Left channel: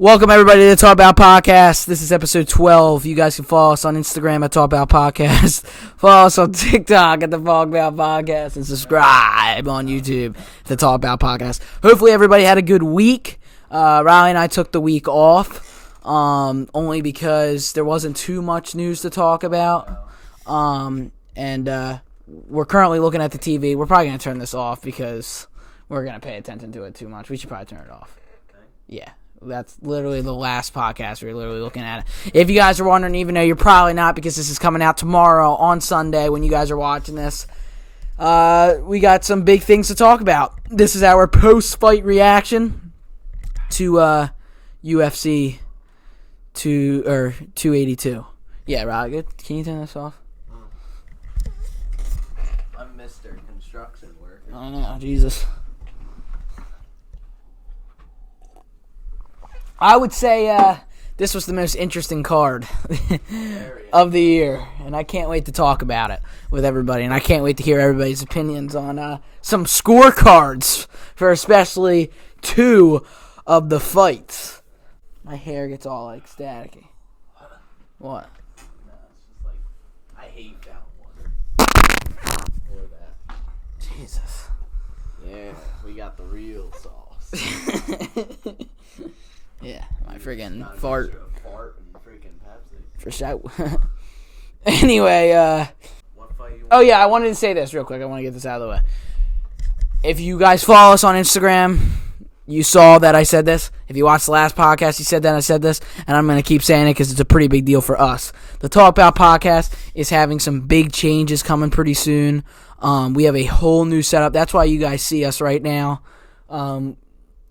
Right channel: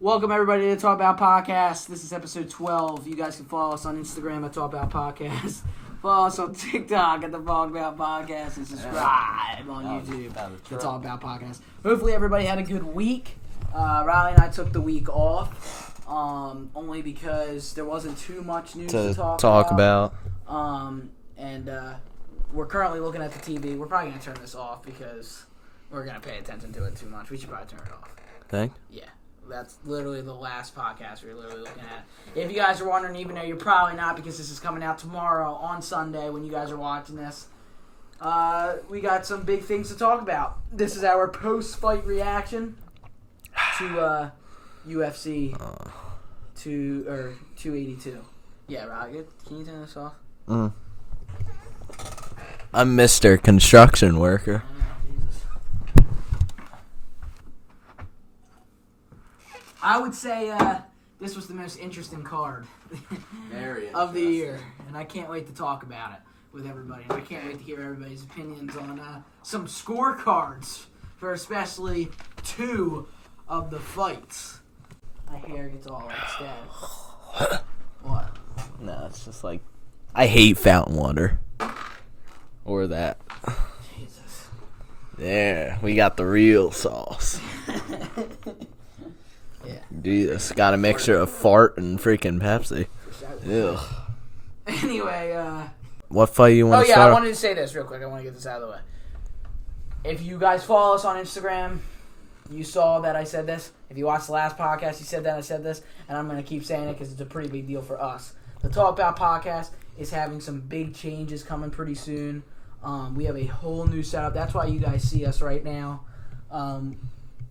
Welcome, everybody, to the Talk About Podcast. This is episode 12. You guys can follow us on Instagram at Talk About Podcast. Follow us on TikTok at the Talk About Podcast. And subscribe on YouTube to the Talk About Podcast. Hopefully, everybody had a good week. Riley and I took the week off only because there wasn't too much news to talk about. And we're currently looking at the TV. We're probably going to turn this off because we're going to pay attention to it too much. We should probably turn it off. Think? Yeah. That's literally the last podcast we're literally looking at it. If you guys are wondering, even though you're probably not because this is coming out tomorrow on Sunday when you guys are watching this, we got some big things to talk about. This is our post-fight reaction to UFC 282. Yeah, Rob, can you turn this off? I'm Mr. Construction Worker. I know, Jesus. I would say this was the most interesting card of the year, and I can't wait to talk about it with everybody, and I can't wait to hear everybody's opinions on some scorecards for especially two of the fights. My hair gets all ecstatic. What? No, it's just like, I hate fountain water. Or that. Jesus. There, we got the real sauce. Yeah. Jesus, got a mixture of fart and freaking Pepsi. For sure. Yeah. Anyway, what fight you want to start? I wanted to say this real quick. I want to get this out of the way. If you guys follow us on Instagram, you saw that I said this. If you watched the last podcast, you said that I said this. And I'm going to keep saying it because it's a pretty big deal for us. The Talk About Podcast is having some big changes coming pretty soon. We have a whole new setup. That's why you guys see us right now. Not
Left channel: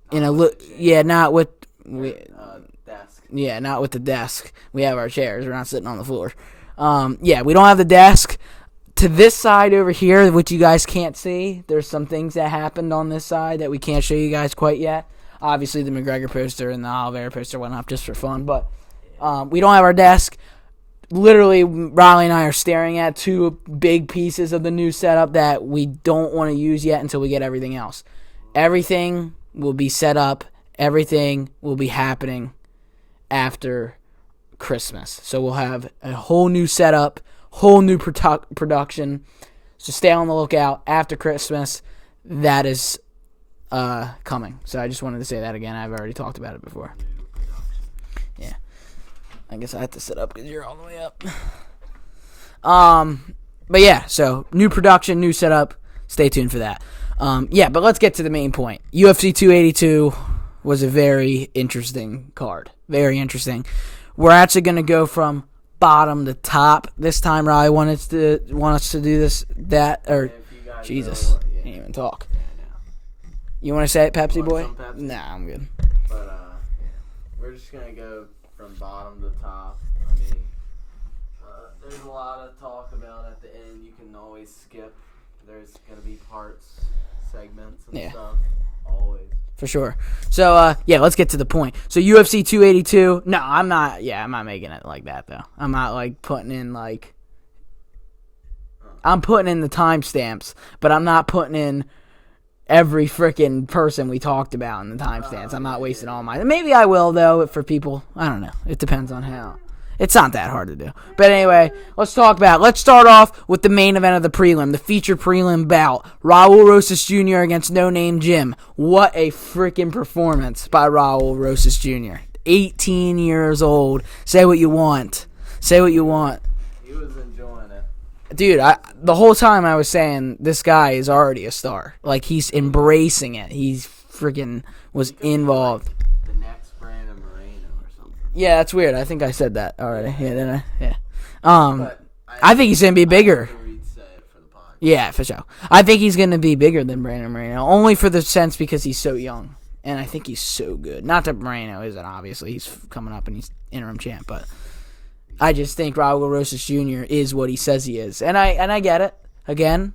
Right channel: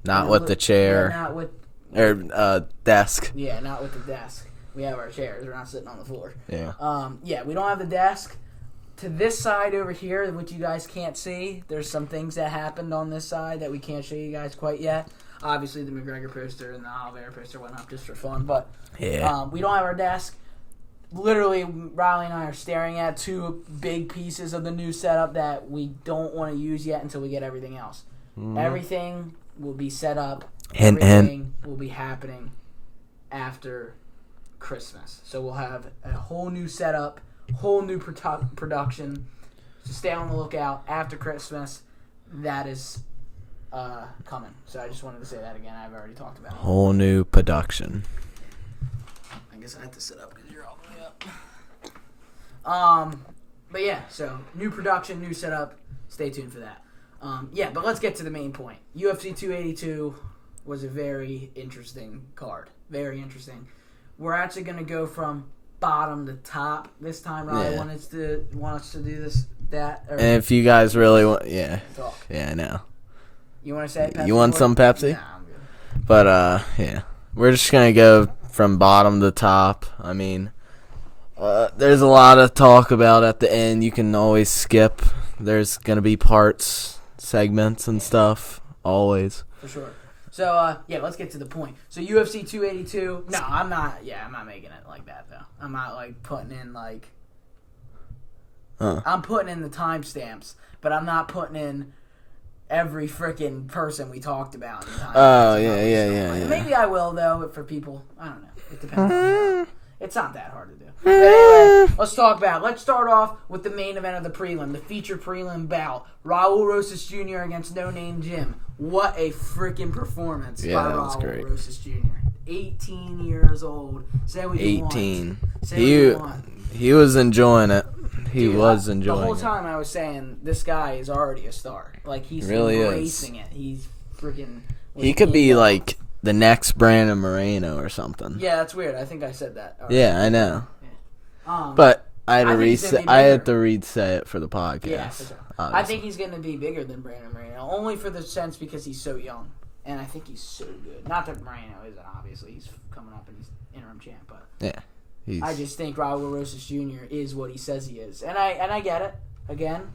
with the chair. Yeah, not with... desk. Yeah, not with the desk. We have our chairs. We're not sitting on the floor. Yeah. We don't have the desk. To this side over here, which you guys can't see, there's some things that happened on this side that we can't show you guys quite yet. Obviously, the McGregor poster and the Oliveira poster went up just for fun, but we don't have our desk. Literally, Riley and I are staring at two big pieces of the new setup that we don't want to use yet until we get everything else. Everything will be set up. Everything will be happening after Christmas. So we'll have a whole new setup, whole new production. So stay on the lookout after Christmas. That is coming. So I just wanted to say that again. I've already talked about it before. Whole new production. Yeah. I guess I have to sit up because you're all the way up. But yeah, so new production, new setup. Stay tuned for that. But let's get to the main point. UFC 282 was a very interesting card. Very interesting. We're actually going to go from bottom to top this time. Riley want us to do that. Or, and if you guys really want, talk. Yeah, I know. You want to say it, Pepsi? You want boy? some Pepsi? Nah, I'm good. But we're just gonna go from bottom to top. I mean, there's a lot of talk about at the end. You can always skip. There's gonna be segments and stuff. Always. For sure. So, let's get to the point. So, UFC 282. No, I'm not making it like that, though. I'm not, putting in, I'm putting in the timestamps, but I'm not putting in every freaking person we talked about in the timestamps. I'm not wasting all my... Maybe I will, though, for people. I don't know. It depends on how... It's not that hard to do. But anyway, let's start off with the main event of the prelim, the featured prelim bout. Raul Rosas Jr. against No Name Jim. What a freaking performance by Raul Rosas Jr. 18 years old. Say what you want. Say what you want. He was enjoying it. Dude, the whole time I was saying, this guy is already a star. He's really embracing it. He's freaking was He could involved. be the next Brandon Moreno or something. Yeah, that's weird. I think I said that already. Yeah, I know. Yeah. But I think he's going to be bigger. I have to say it for the podcast. Yeah, for sure. I think he's going to be bigger than Brandon Moreno, only for the sense because he's so young. And I think he's so good. Not that Moreno isn't, obviously. He's coming up and he's interim champ. But I just think Raul Rosas Jr. is what he says he is. And I get it. Again,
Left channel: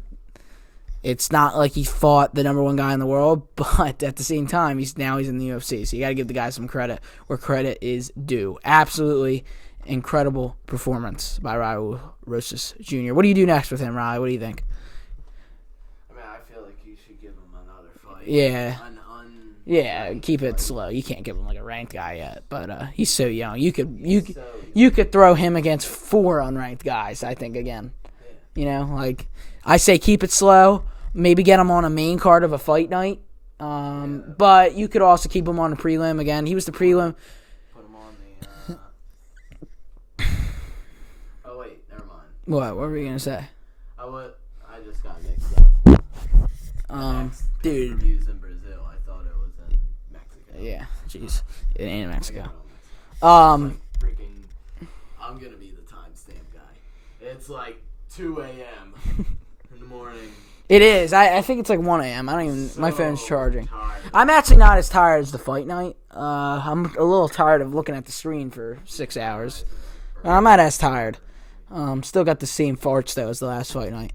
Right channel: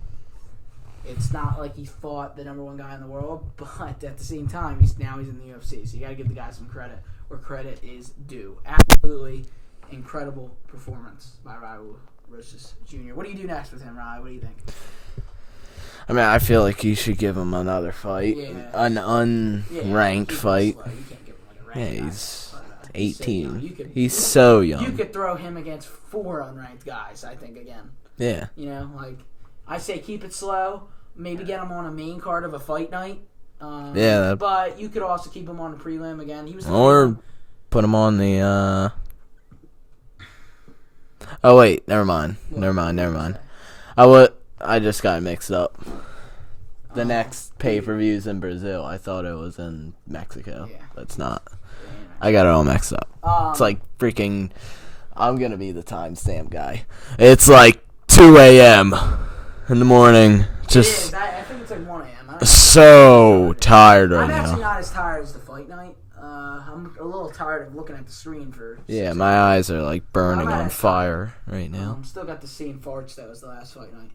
it's not like he fought the number one guy in the world, but at the same time, he's in the UFC. So you got to give the guy some credit where credit is due. Absolutely incredible performance by Raul Rosas Jr. What do you do next with him, Riley? What do you think? I mean, I feel like you should give him another fight. Yeah. An unranked keep fight. It slow. You can't give him like a ranked guy yet, but he's so young. He's so young. You could throw him against 4 unranked guys, I think, again. Yeah. You know, like, I say keep it slow. Maybe get him on a main card of a fight night. But you could also keep him on a prelim again. He was the prelim. Put him on the, Oh, wait. Never mind. Never mind. I just got mixed up. The next pay-per-view's in Brazil. I thought it was in Mexico. Yeah. That's not. It ain't in Mexico. I got it all mixed up. It's like freaking... I'm going to be the timestamp guy. It's like 2 a.m. in the morning. It is. I think it's like 1 a.m. I don't so tired right I'm actually not as tired as the fight night. I'm a little tired of looking at the screen for 6 hours. Yeah, my eyes are like burning. I'm not as tired right now. Still got the same farts though as the last fight night.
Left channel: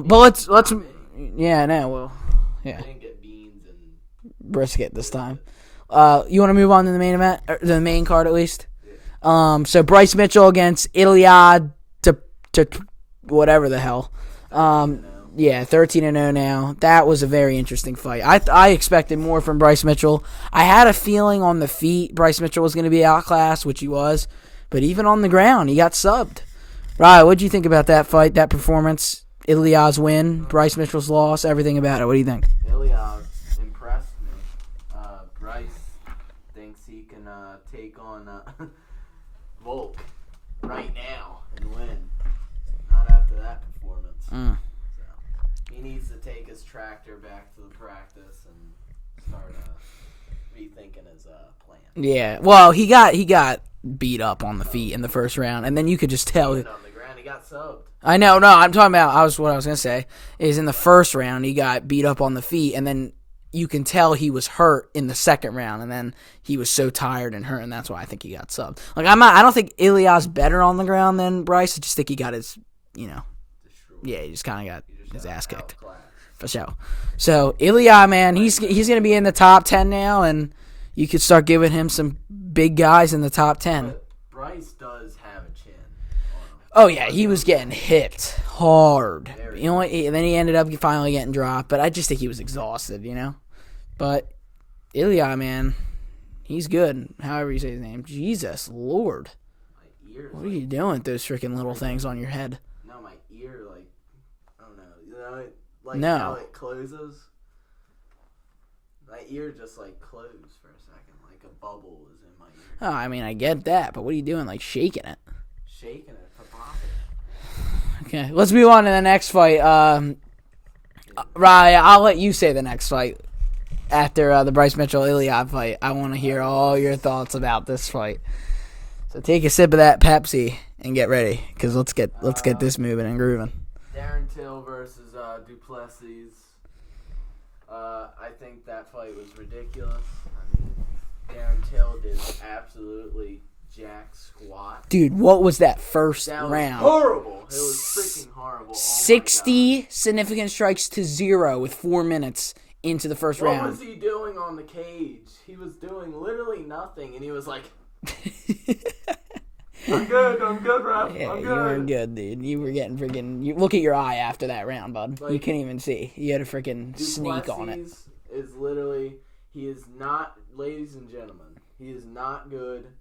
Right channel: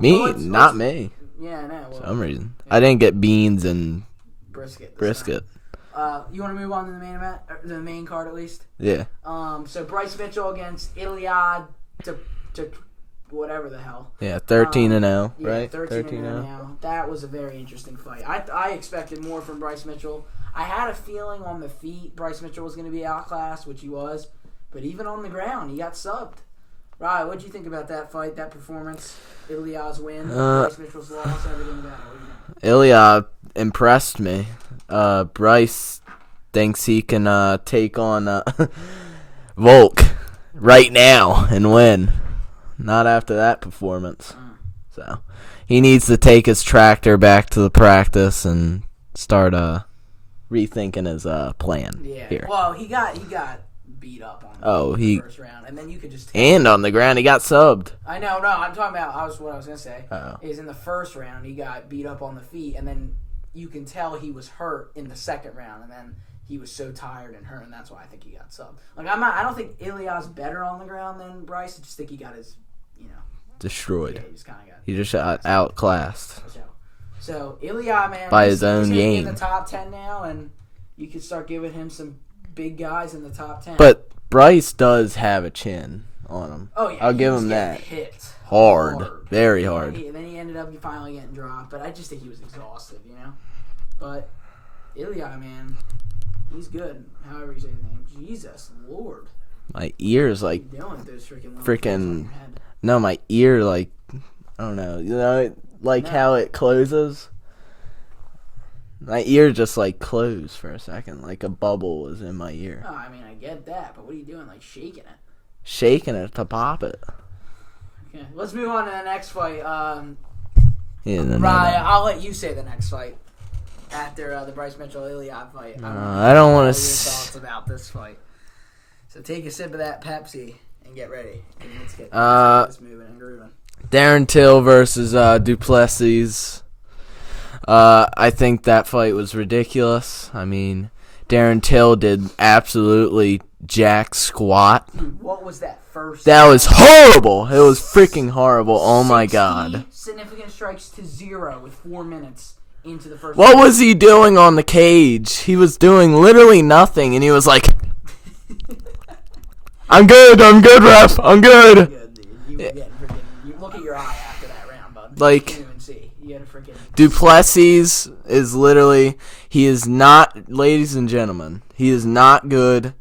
Me? But let's not me. Yeah, I know. For some reason. Yeah. I didn't get beans and brisket this time. You want to move on to the main event, or the main card at least? Yeah. So Bryce Mitchell against Ilia whatever the hell. Yeah, 13-0. Yeah, 13-0 now. That was a very interesting fight. I expected more from Bryce Mitchell. I had a feeling on the feet Bryce Mitchell was going to be outclassed, which he was. But even on the ground, he got subbed. Ryan, what did you think about that fight, that performance? Ilia's win, Bryce Mitchell's loss, everything about it. What do you think? Ilia impressed me. Bryce thinks he can take on Volk right now and win. Not after that performance. So he needs to take his tractor back to the practice and start rethinking his plan. Yeah. Here. Well, he got beat up on the feet in the first round, and then you could just tell. And on the ground, he got subbed. I know. No, I'm talking about. What I was gonna say is in the first round he got beat up on the feet, and then you can tell he was hurt in the second round, and then he was so tired and hurt, and that's why I think he got subbed. Like I don't think Ilia's better on the ground than Bryce. I just think he got his, destroyed. Yeah, he just kind of got. He just outclassed for sure. So Ilia, man, he's going to be in the top 10 now, and you could start giving him some big guys in the top 10. But Bryce does have a chin on him. Oh yeah, he was getting hit hard, very hard. And then he ended up finally getting dropped. But I just think he was exhausted, But Ilia, man, he's good. However you say his name, Jesus Lord. My ears what are you doing with those freaking little things on your head? No, my ear, I don't know. How it closes? My ear just, closed for a second. Like a bubble was in my ear. Oh, I mean, I get that. But what are you doing? Shaking it? Shaking it to pop it. Okay, let's move on to the next fight. Right, I'll let you say the next fight. After the Bryce Mitchell-Ilia fight, I want to hear all your thoughts about this fight. So take a sip of that Pepsi and get ready, because let's get this moving and grooving. Darren Till versus Duplessis. I think that fight was ridiculous. I mean, Darren Till did absolutely jack squat. Dude, what was that first? That was horrible. It was freaking horrible. Oh my god. 60 significant strikes to 0 with 4 minutes into the first round. What round. was he doing on the cage? He was doing literally nothing, and he was like, I'm good, ref, I'm good. Good, dude. You were getting freaking... Look at your eye after that round, bud. You can't even see. You had a freaking... Duplessis is literally... He is not... Ladies and gentlemen, he is not good.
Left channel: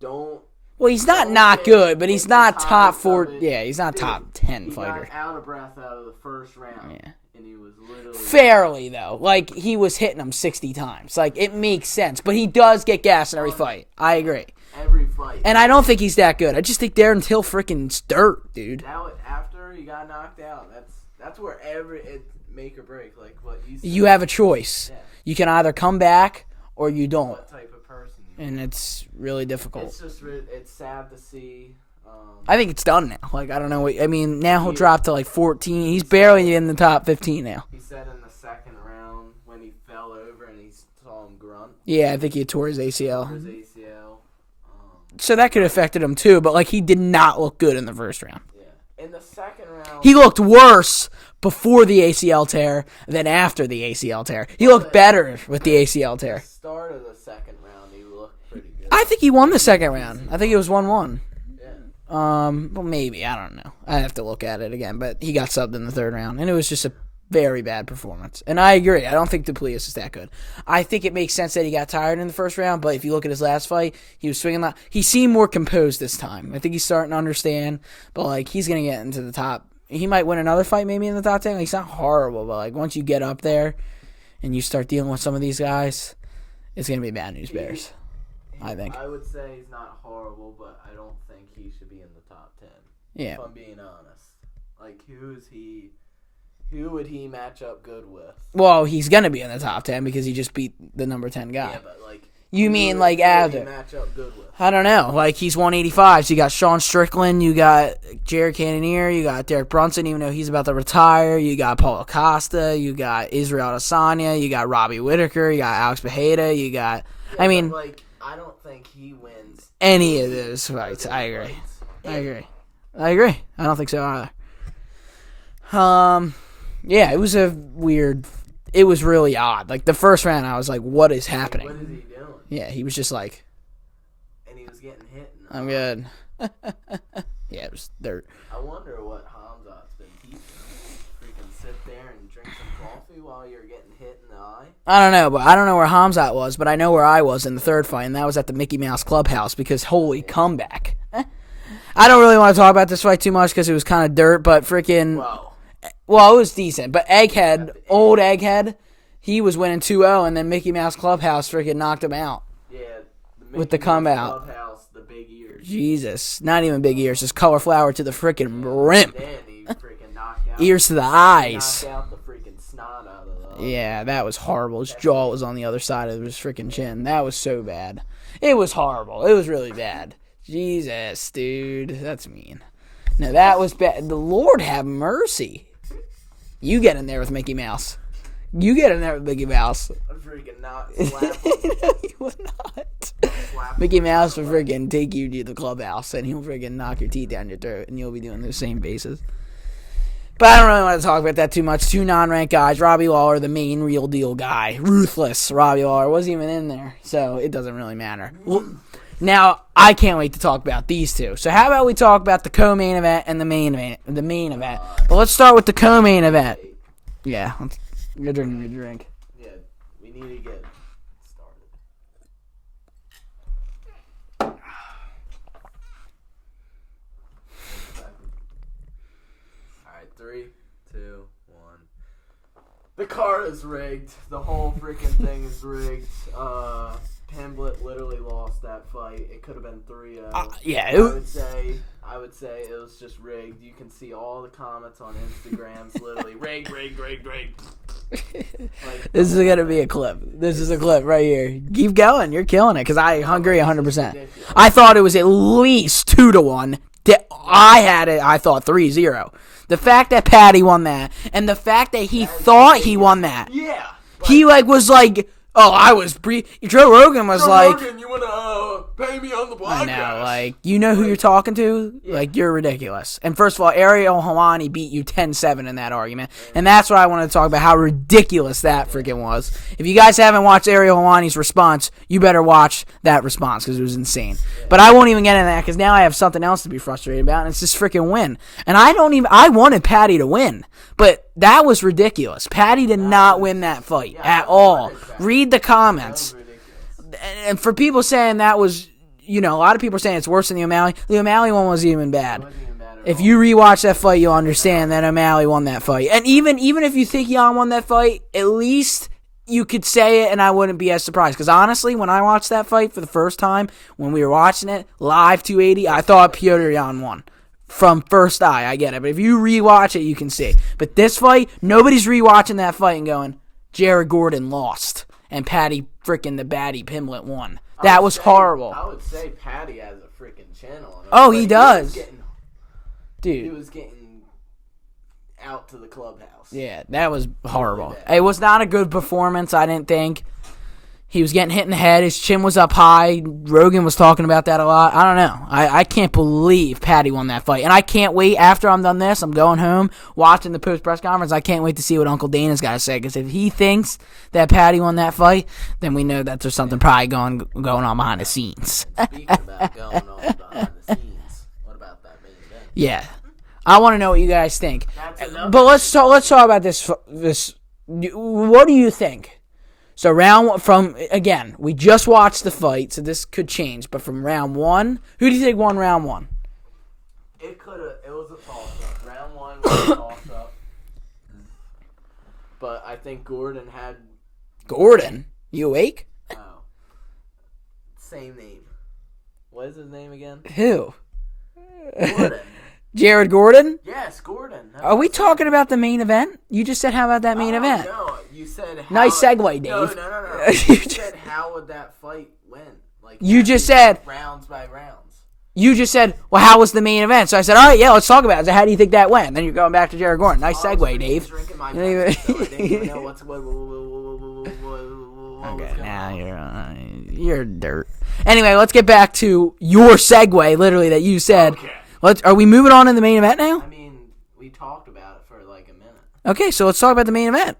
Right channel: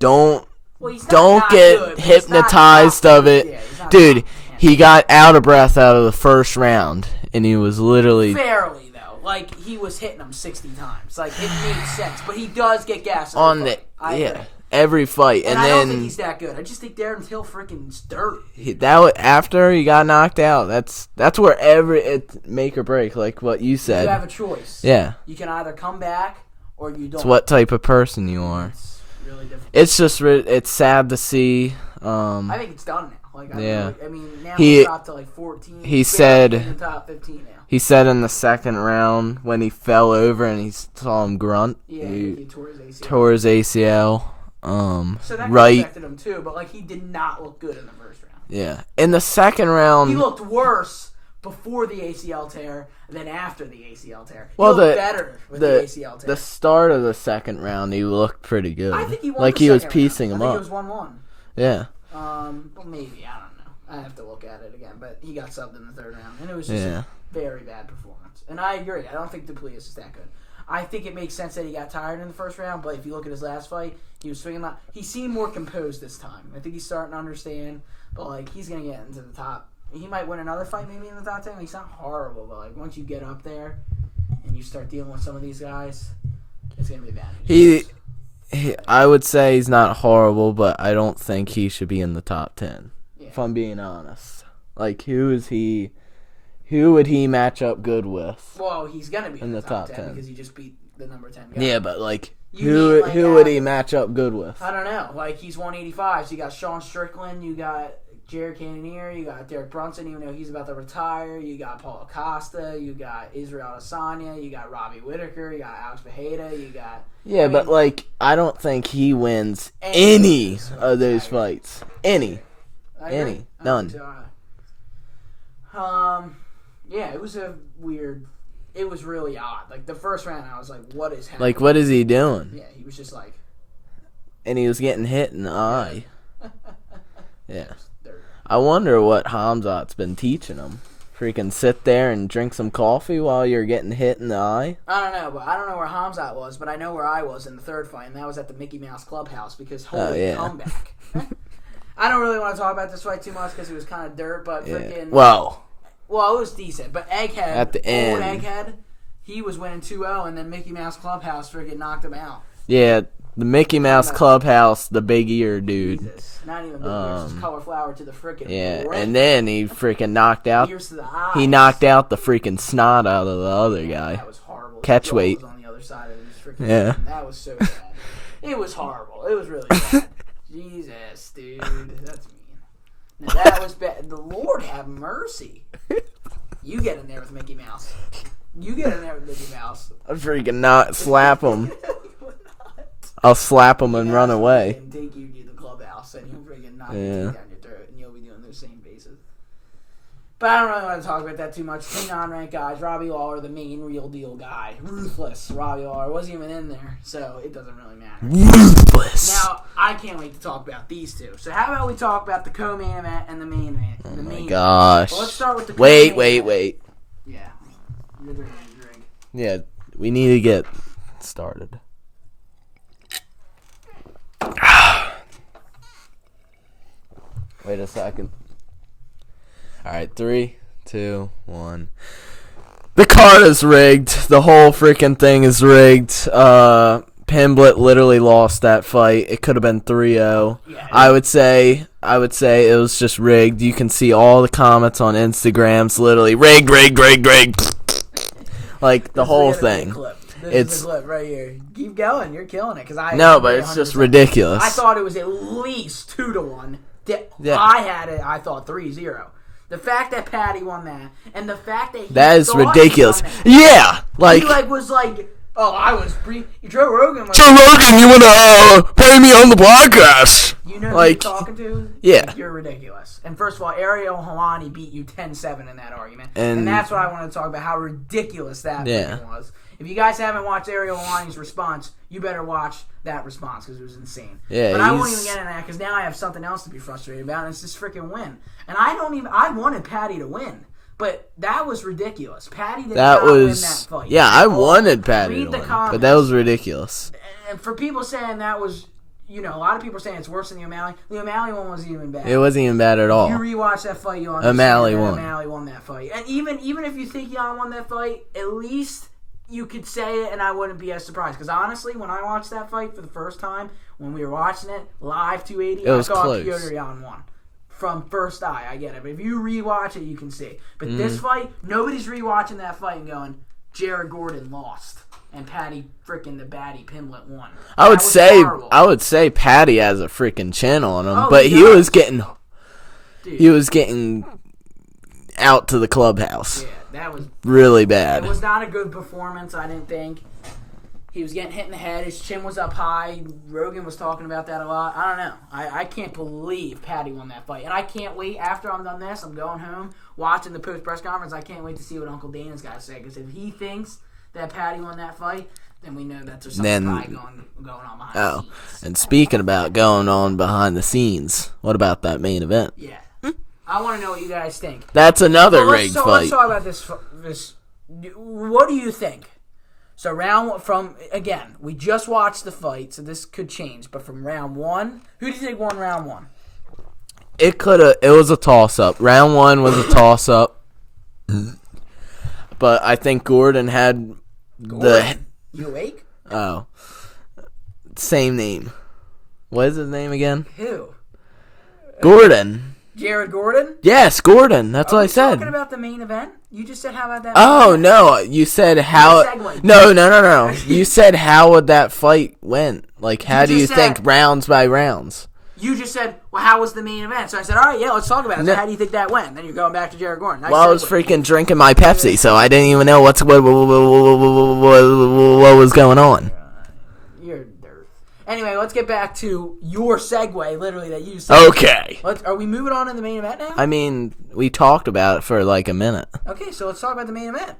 Well, he's not get good, but hypnotized of it. Yeah, he's not Dude, top 10 he got out of breath out of the first round, and he was literally... Fairly, though. He was hitting him 60 times. It makes sense. But he does get gas in every fight. I agree. Every fight. And I don't think he's that good. I just think Darren Till freaking dirt, dude. After he got knocked out, that's where it's make or break, like what you said. You have a choice. Yeah. You can either come back or you don't. It's what type of person you are. It's really difficult. It's just it's sad to see. I think it's done now. I don't know. I mean, now he'll drop to 14. He's barely in the top 15 now. He said in the second round when he fell over and he saw him grunt. Yeah, I think he tore his ACL. So that could have affected him too, but he did not look good in the first round. Yeah. In the second round, he looked worse before the ACL tear than after the ACL tear. He looked better with the ACL tear. The start of the second round, he looked pretty good. I think he won the second round. I think it was 1-1. Yeah. Well, maybe. I don't know. I have to look at it again, but he got subbed in the third round, and it was just Very bad performance. And I agree. I don't think Topuria is that good. I think it makes sense that he got tired in the first round, but if you look at his last fight, he was swinging a lot. He seemed more composed this time. I think he's starting to understand, but, like, he's going to get into the top. He might win another fight maybe in the top 10. Like, he's not horrible, but, like, once you get up there and you start dealing with some of these guys, it's going to be bad news. I would say he's not horrible, but I don't think he should be in the top 10. Yeah. If I'm being honest. Like, who would he match up good with? Well, he's going to be in the top 10 because he just beat the number 10 guy. Yeah, but, like, who would he match up good with? I don't know. Like, he's 185, so you got Sean Strickland, you got Jared Cannonier, you got Derek Brunson, even though he's about to retire, you got Paul Acosta, you got Israel Adesanya, you got Robbie Whitaker, you got Alex Bejeda, you got... Yeah, but, like, I don't think he wins any of those fights. Any. I agree. I don't think so either. Yeah, it was it was really odd. Like, the first round, I was like, what is happening? Like, what is he doing? Yeah, he was just like... And he was getting hit in the eye. Yeah, I wonder what Hamzat's been teaching him. Freaking sit there and drink some coffee while you're getting hit in the eye? I don't know, but I don't know where Hamzat was, but I know where I was in the third fight, and that was at the Mickey Mouse Clubhouse, because holy comeback. I don't really want to talk about this fight too much because it was kind of dirt, but freaking... Well, it was decent, but Egghead, old Egghead, he was winning 2-0, and then Mickey Mouse Clubhouse freaking knocked him out. Yeah, the Mickey Mouse Clubhouse, the big ear dude. Jesus, not even big ears, just cauliflower to the freaking rim. And then he freaking knocked out... Ears to the eyes. He knocked out the freaking snot out of the other guy. Yeah, that was horrible. His jaw was on the other side of his freaking chin. That was so bad. It was horrible. It was really bad. Jesus, dude. That's mean. No, that was bad. The Lord have mercy. You get in there with Mickey Mouse. You get in there with Mickey Mouse. I'll freaking not slap him. He would not. I'll slap him Mickey and Mouse run away. Will freaking take you to the clubhouse and he'll freaking knock your teeth down your throat and you'll be doing those same faces. But I don't really want to talk about that too much. Two non-ranked guys. Robbie Lawler, the main real deal guy. Ruthless Robbie Lawler. Wasn't even in there, so it doesn't really matter. Ruthless. Now, I can't wait to talk about these two. So how about we talk about the co-main event and the main event? The main event. Gosh. Well, let's start with the co-main event. Wait. Yeah. You're drinking your drink. Yeah, we need to get started. Wait a second. All right, 3, 2, 1. The card is rigged. The whole freaking thing is rigged. Pimblett literally lost that fight. It could have been 3-0. Yeah. I would say it was just rigged. You can see all the comments on Instagrams, literally rigged. Like the whole thing. This is gonna be a clip. This is a clip right here. Keep going. You're killing it because I agree 100%. It's just ridiculous. I thought it was at least 2-1. I had it. I thought 3-0. The fact that Paddy won that, and the fact that he thought ridiculous. He won that. Yeah, he was like, oh, I was Joe Rogan was Rogan, you wanna pay me on the podcast? You know who you're talking to? Yeah. Like, you're ridiculous. And first of all, Ariel Helwani beat you 10-7 in that argument. And that's what I wanted to talk about, how ridiculous that freaking was. If you guys haven't watched Ariel Helwani's response, you better watch that response because it was insane. Yeah, but I won't even get into that because now I have something else to be frustrated about, and it's this freaking win. And I wanted Paddy to win. But that was ridiculous. Paddy did not win that fight. Yeah, I wanted Paddy. Read the comments. But that was ridiculous. And for people saying that was, a lot of people are saying it's worse than the O'Malley. The O'Malley one wasn't even bad. It wasn't even bad at all. If you rewatch that fight, you'll understand that O'Malley won that fight. And even if you think Jan won that fight, at least you could say it and I wouldn't be as surprised. Because honestly, when I watched that fight for the first time, when we were watching it, live 280, I thought Piotr Jan won. From first eye, I get it. But if you rewatch it, you can see. But this fight, nobody's rewatching that fight and going, Jared Gordon lost. And Paddy freaking the baddie Pimblett won. That was horrible. I would say Paddy has a freaking chin on him. Oh, but he was getting... Dude. He was getting out to the clubhouse. Yeah, that was really bad. It was not a good performance, I didn't think. He was getting hit in the head. His chin was up high. Rogan was talking about that a lot. I don't know. I can't believe Paddy won that fight. And I can't wait. After I'm done this, I'm going home, watching the post-press conference. I can't wait to see what Uncle Dana's got to say. Because if he thinks that Paddy won that fight, then we know that there's something probably going on behind the scenes. And speaking about going on behind the scenes, what about that main event? Yeah. I want to know what you guys think. That's another But let's talk about this. What do you think? So round one, again, we just watched the fight, so this could change. But from round one, who do you think won round one? It was a toss-up. Round one was a toss-up. But I think Gordon had... Gordon? You awake? Oh. Same name. What is his name again? Who? Gordon. Jared Gordon? Yes, Gordon. That's what I said. Are we talking about the main event? You just said how about that main event? Oh, no. You said how... Nice segue, dude. No. You said how would that fight went? Like, how do you think rounds by rounds? You just said, well, how was the main event? So I said, all right, yeah, let's talk about it. So how do you think that went? Then you're going back to Jared Gordon. Nice segue, I was freaking drinking my Pepsi, so I didn't even know what was going on. You're dirt. Anyway, let's get back to your segue, literally, that you said. Okay. Are we moving on in the main event now? I mean, we talked about it for like a minute. Okay, so let's talk about the main event.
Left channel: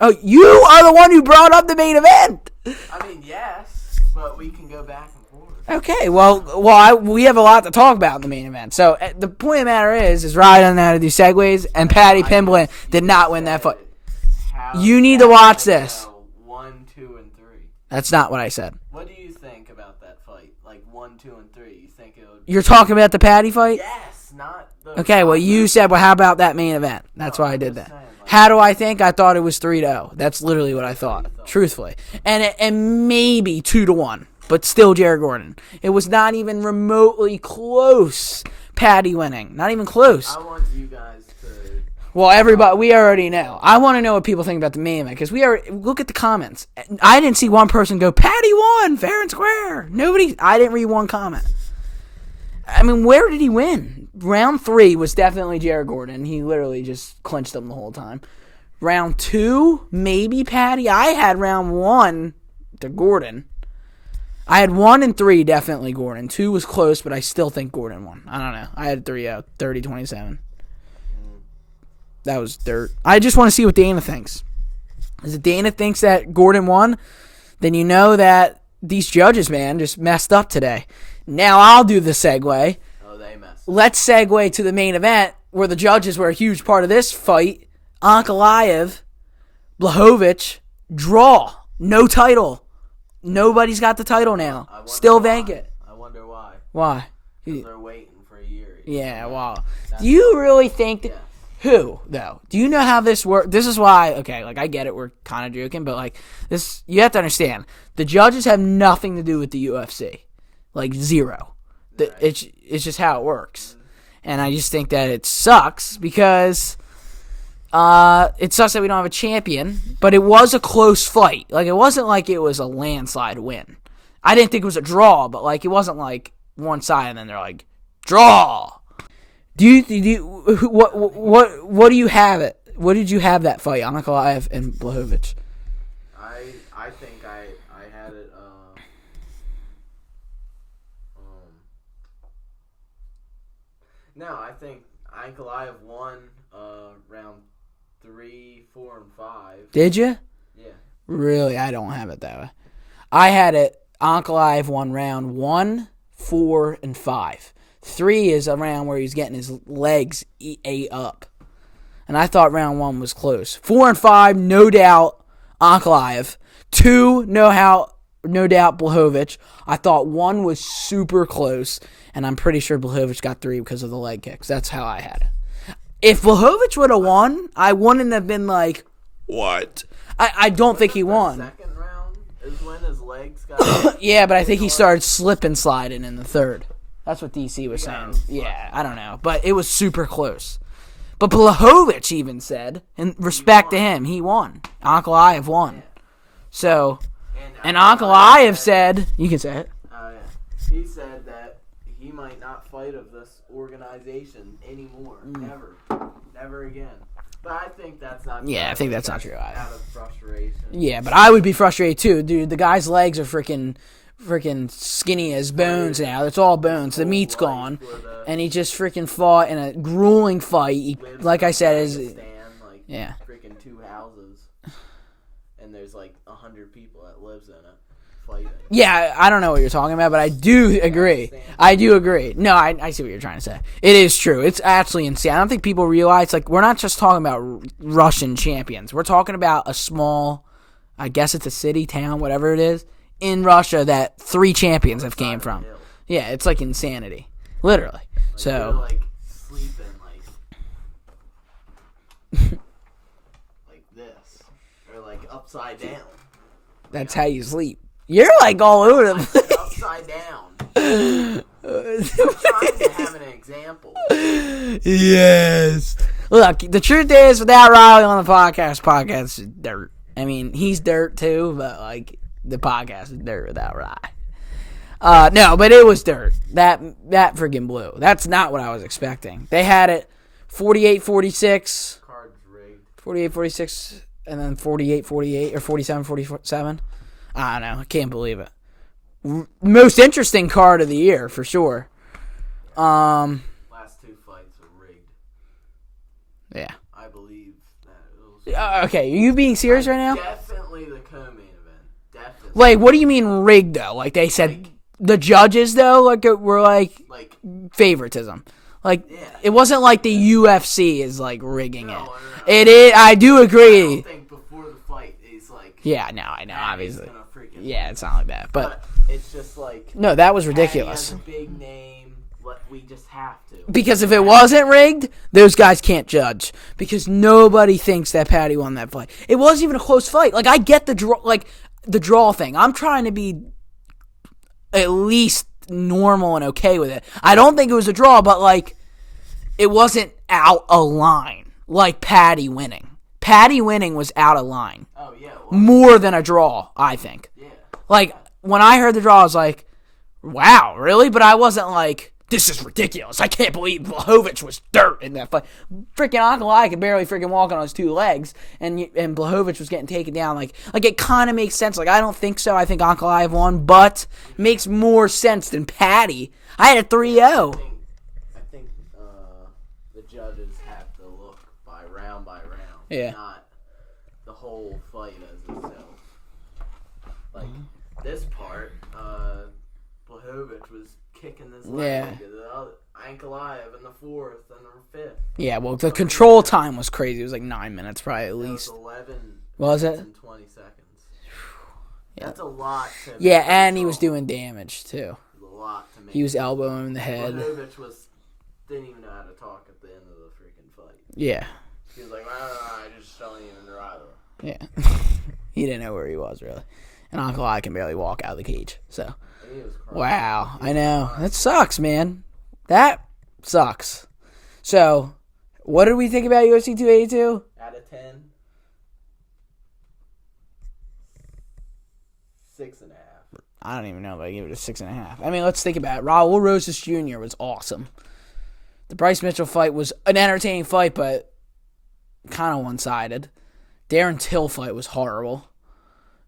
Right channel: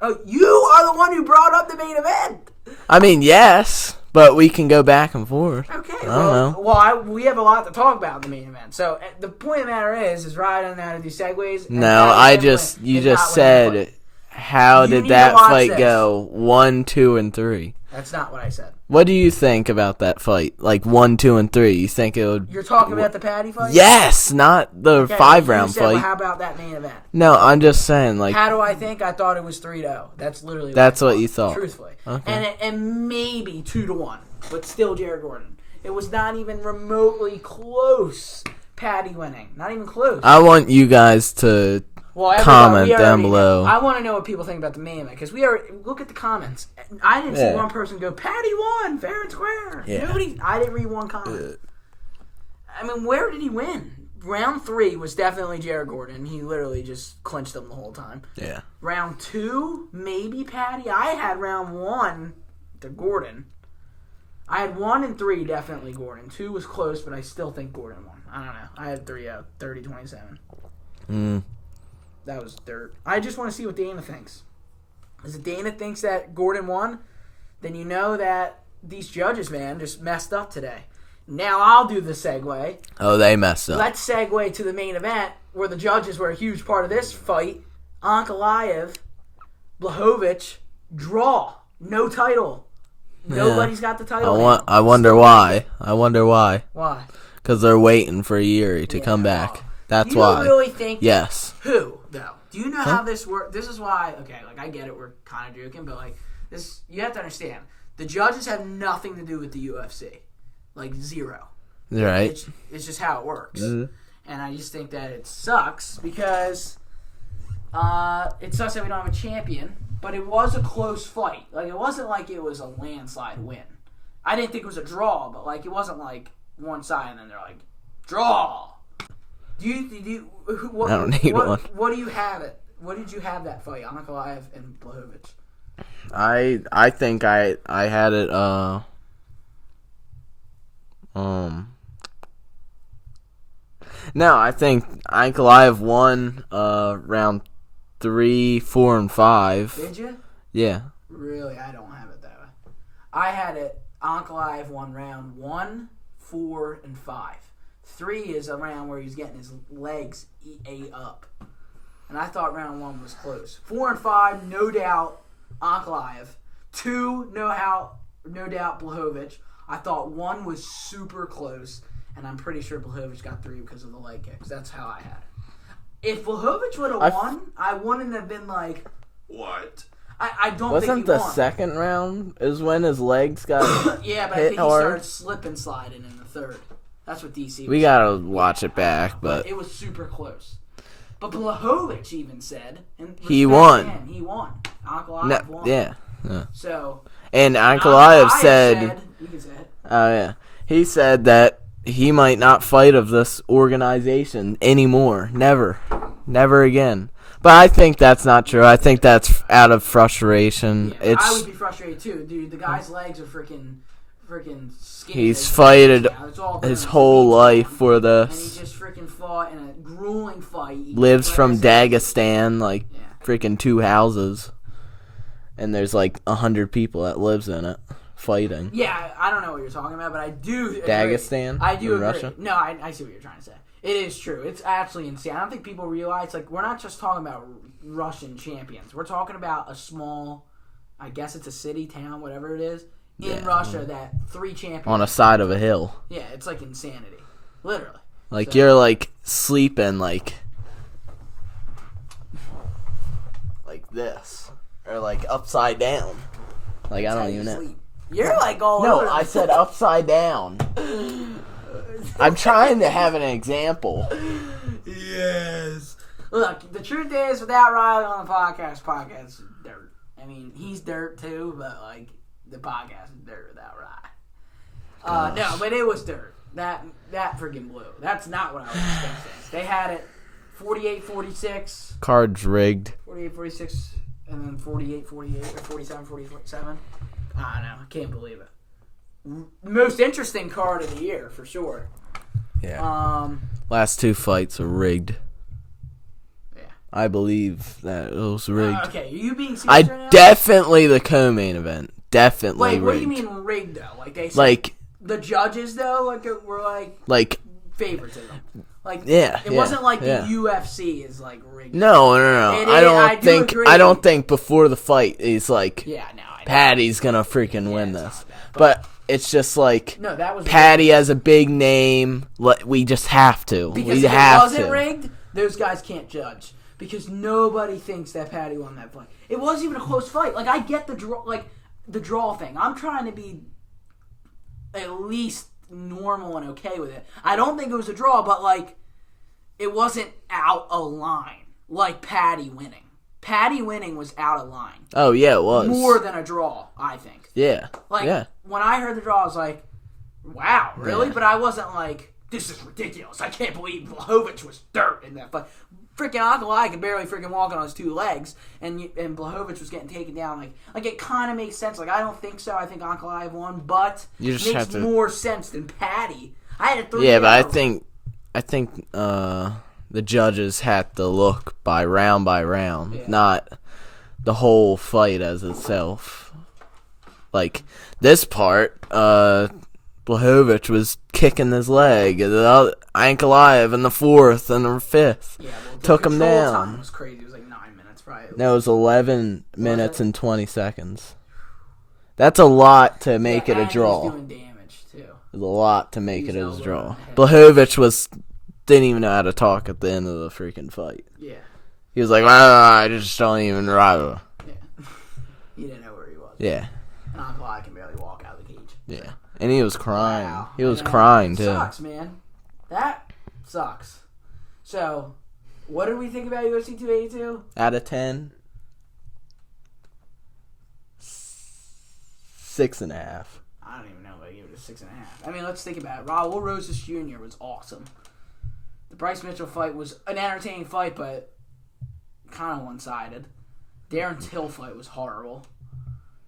Oh, you are the one who brought up the main event. I mean, yes, but we can go back and forth. Okay, we have a lot to talk about in the main event. So the point of the matter is Ryan doesn't know how to do segues, and Paddy Pimblin did not win that fight. How you did need that to watch fight this. go? 1, 2, and 3. That's not what I said. What do you think about that fight? Like 1, 2, and 3. You think it would? You're talking about the Paddy fight? Yes, not the 5 round you said, fight. well, how about that main event? No, I'm just saying. Like, how do I think? I thought it was 3-0. That's literally what I thought. That's what you thought. Truthfully. Okay. And maybe 2-1, but still Jared Gordon. It was not even remotely close. Paddy winning. Not even close. I want you guys to... Well, everybody, we already know. I want to know what people think about the main event because we already look at the comments. I didn't see one person go, Paddy won, fair and square. Yeah. I didn't read one comment. I mean, where did he win? Round 3 was definitely Jared Gordon. He literally just clinched them the whole time. Yeah. Round 2, maybe Paddy. I had round 1 to Gordon. I had 1 and 3, definitely Gordon. 2 was close, but I still think Gordon won. I don't know. I had 3-0, 30-27. That was dirt. I just want to see what Dana thinks. If Dana thinks that Gordon won, then you know that these judges, man, just messed up today. Now I'll do the segue. Oh, they messed up. Let's segue to the main event where the judges were a huge part of this fight. Ankalaev, Blachowicz, draw. No title. Nobody's got the title now. I wonder why. I wonder why. Why? Because they're waiting for Yuri to come back. Well, That's you why. really think... Yes. Who, though? Do you know how this works? This is why... Okay, like, I get it. We're kind of joking, but, like, this... You have to understand. The judges have nothing to do with the UFC. Like, zero. Right. It's just how it works. Mm-hmm. And I just think that it sucks because... it sucks that we don't have a champion, but it was a close fight. Like, it wasn't like it was a landslide win. I didn't think it was a draw, but, like, it wasn't like one side and then they're like, draw! What do you have it? What did you have that fight, Ankalaev and Blachowicz? I think I had it No, I think Ankalaev won round 3, 4, and 5. Did you? Yeah. Really, I don't have it that way. I had it Ankalaev won round 1, 4, and 5. 3 is a round where he's getting his legs ate up. And I thought round 1 was close. 4 and 5, no doubt, Ankalaev. 2, no doubt, Blachowicz. I thought 1 was super close, and I'm pretty sure Blachowicz got 3 because of the leg kicks. That's how I had it. If Blachowicz would have won, I wouldn't have been like, what? I don't think he won. The second round is when his legs got yeah, but I think he started slip and sliding in the third. That's what DC was saying. We gotta watch it back. But it was super close. But Blachowicz even said, in respect to him, he won. Ankalaev won. Yeah. So, and Ankalaev said, you can say it. Oh, yeah. He said that he might not fight of this organization anymore. Never. Never again. But I think that's not true. I think that's out of frustration. Yeah, but I would be frustrated too, dude. The guy's legs are freaking skinny as bones now. It's all bones. His whole life for this, and he just freaking fought in a grueling fight. He lives like from Dagestan, freaking 2 houses, and there's like 100 people that lives in it. fighting. Yeah, I don't know what you're talking about, but I do agree. Dagestan? I do agree. Russia? No, I see what you're trying to say. It is true. It's actually insane. I don't think people realize, like, we're not just talking about Russian champions. We're talking about a small, I guess it's a city, town, whatever it is, in Russia that 3 champions On a have side came of a from. hill. Yeah, it's like insanity. Literally. Like, So- you're, like, sleeping, like this. Or, like, upside down. Like, That's I how don't you even know. sleep. You're like all over No, the I said upside down. I'm trying to have an example. Yes. Look, the truth is, without Riley on the podcast is dirt. I mean, he's dirt too, but like the podcast is dirt without Riley. No, but it was dirt. That freaking blew. That's not what I was expecting. They had it 48-46. Cards rigged. 48-46, and then 48-48 or 47-47. I don't know. I can't believe it. Most interesting card of the year for sure. Yeah. Last 2 fights are rigged. Yeah. I believe that it was rigged. Okay, are you being serious right now? Definitely the co-main event. Definitely. Like, what do rigged. you mean rigged though? Like they said, Like the judges though, like were like favoritism. Like it wasn't like the UFC is like rigging. No. It is. I do agree. I don't think before the fight he's like, yeah, no, I know. Patty's gonna freaking win it's this. not like that. But it's just like No, that was ridiculous. Patty has a big name. We just have to. Because We if it have wasn't to. rigged, those guys can't judge. Because nobody thinks that Paddy won that fight. It wasn't even a close fight. Like, I get the draw thing. I'm trying to be at least normal and okay with it. I don't think it was a draw, but like, it wasn't out of line. Like Paddy winning. Paddy winning was out of line. Oh yeah, it was More than a draw, I think. Yeah. Like, when I heard the draw, I was like, wow, really? Yeah. But I wasn't like, this is ridiculous. I can't believe Blachowicz was dirt in that fight. Freaking Ankalaev could barely freaking walk on his 2 legs, and Blachowicz was getting taken down. Like it kind of makes sense. Like, I don't think so. I think Ankalaev won, but it makes more sense than Paddy. I had a 3-0. Yeah, but I think the judges had to look by round, not the whole fight as itself. Like, this part, Blachowicz was kicking his leg. Ankalaev in the 4th and the 5th. Yeah, well, the control time was crazy. It was like 9 minutes, probably. No, it was 11 minutes and 20 seconds. That's a lot to make it a draw. Yeah, and he was doing damage, too. It was a lot to make it a draw. He was elbowing the head. Blachowicz didn't even know how to talk at the end of the freaking fight. Yeah. He was like, I just don't even rival. Yeah. He didn't know where he was. Yeah. And Ankalaev can barely walk out of the cage. Yeah. So. And he was crying. Wow. He was crying, It sucks, man. That sucks. So, what did we think about UFC 282? Out of 10? 6.5. I don't even know if I give it a 6.5. I mean, let's think about it. Raul Rosas Jr. was awesome. The Bryce Mitchell fight was an entertaining fight, but kind of one-sided. Darren Till fight was horrible.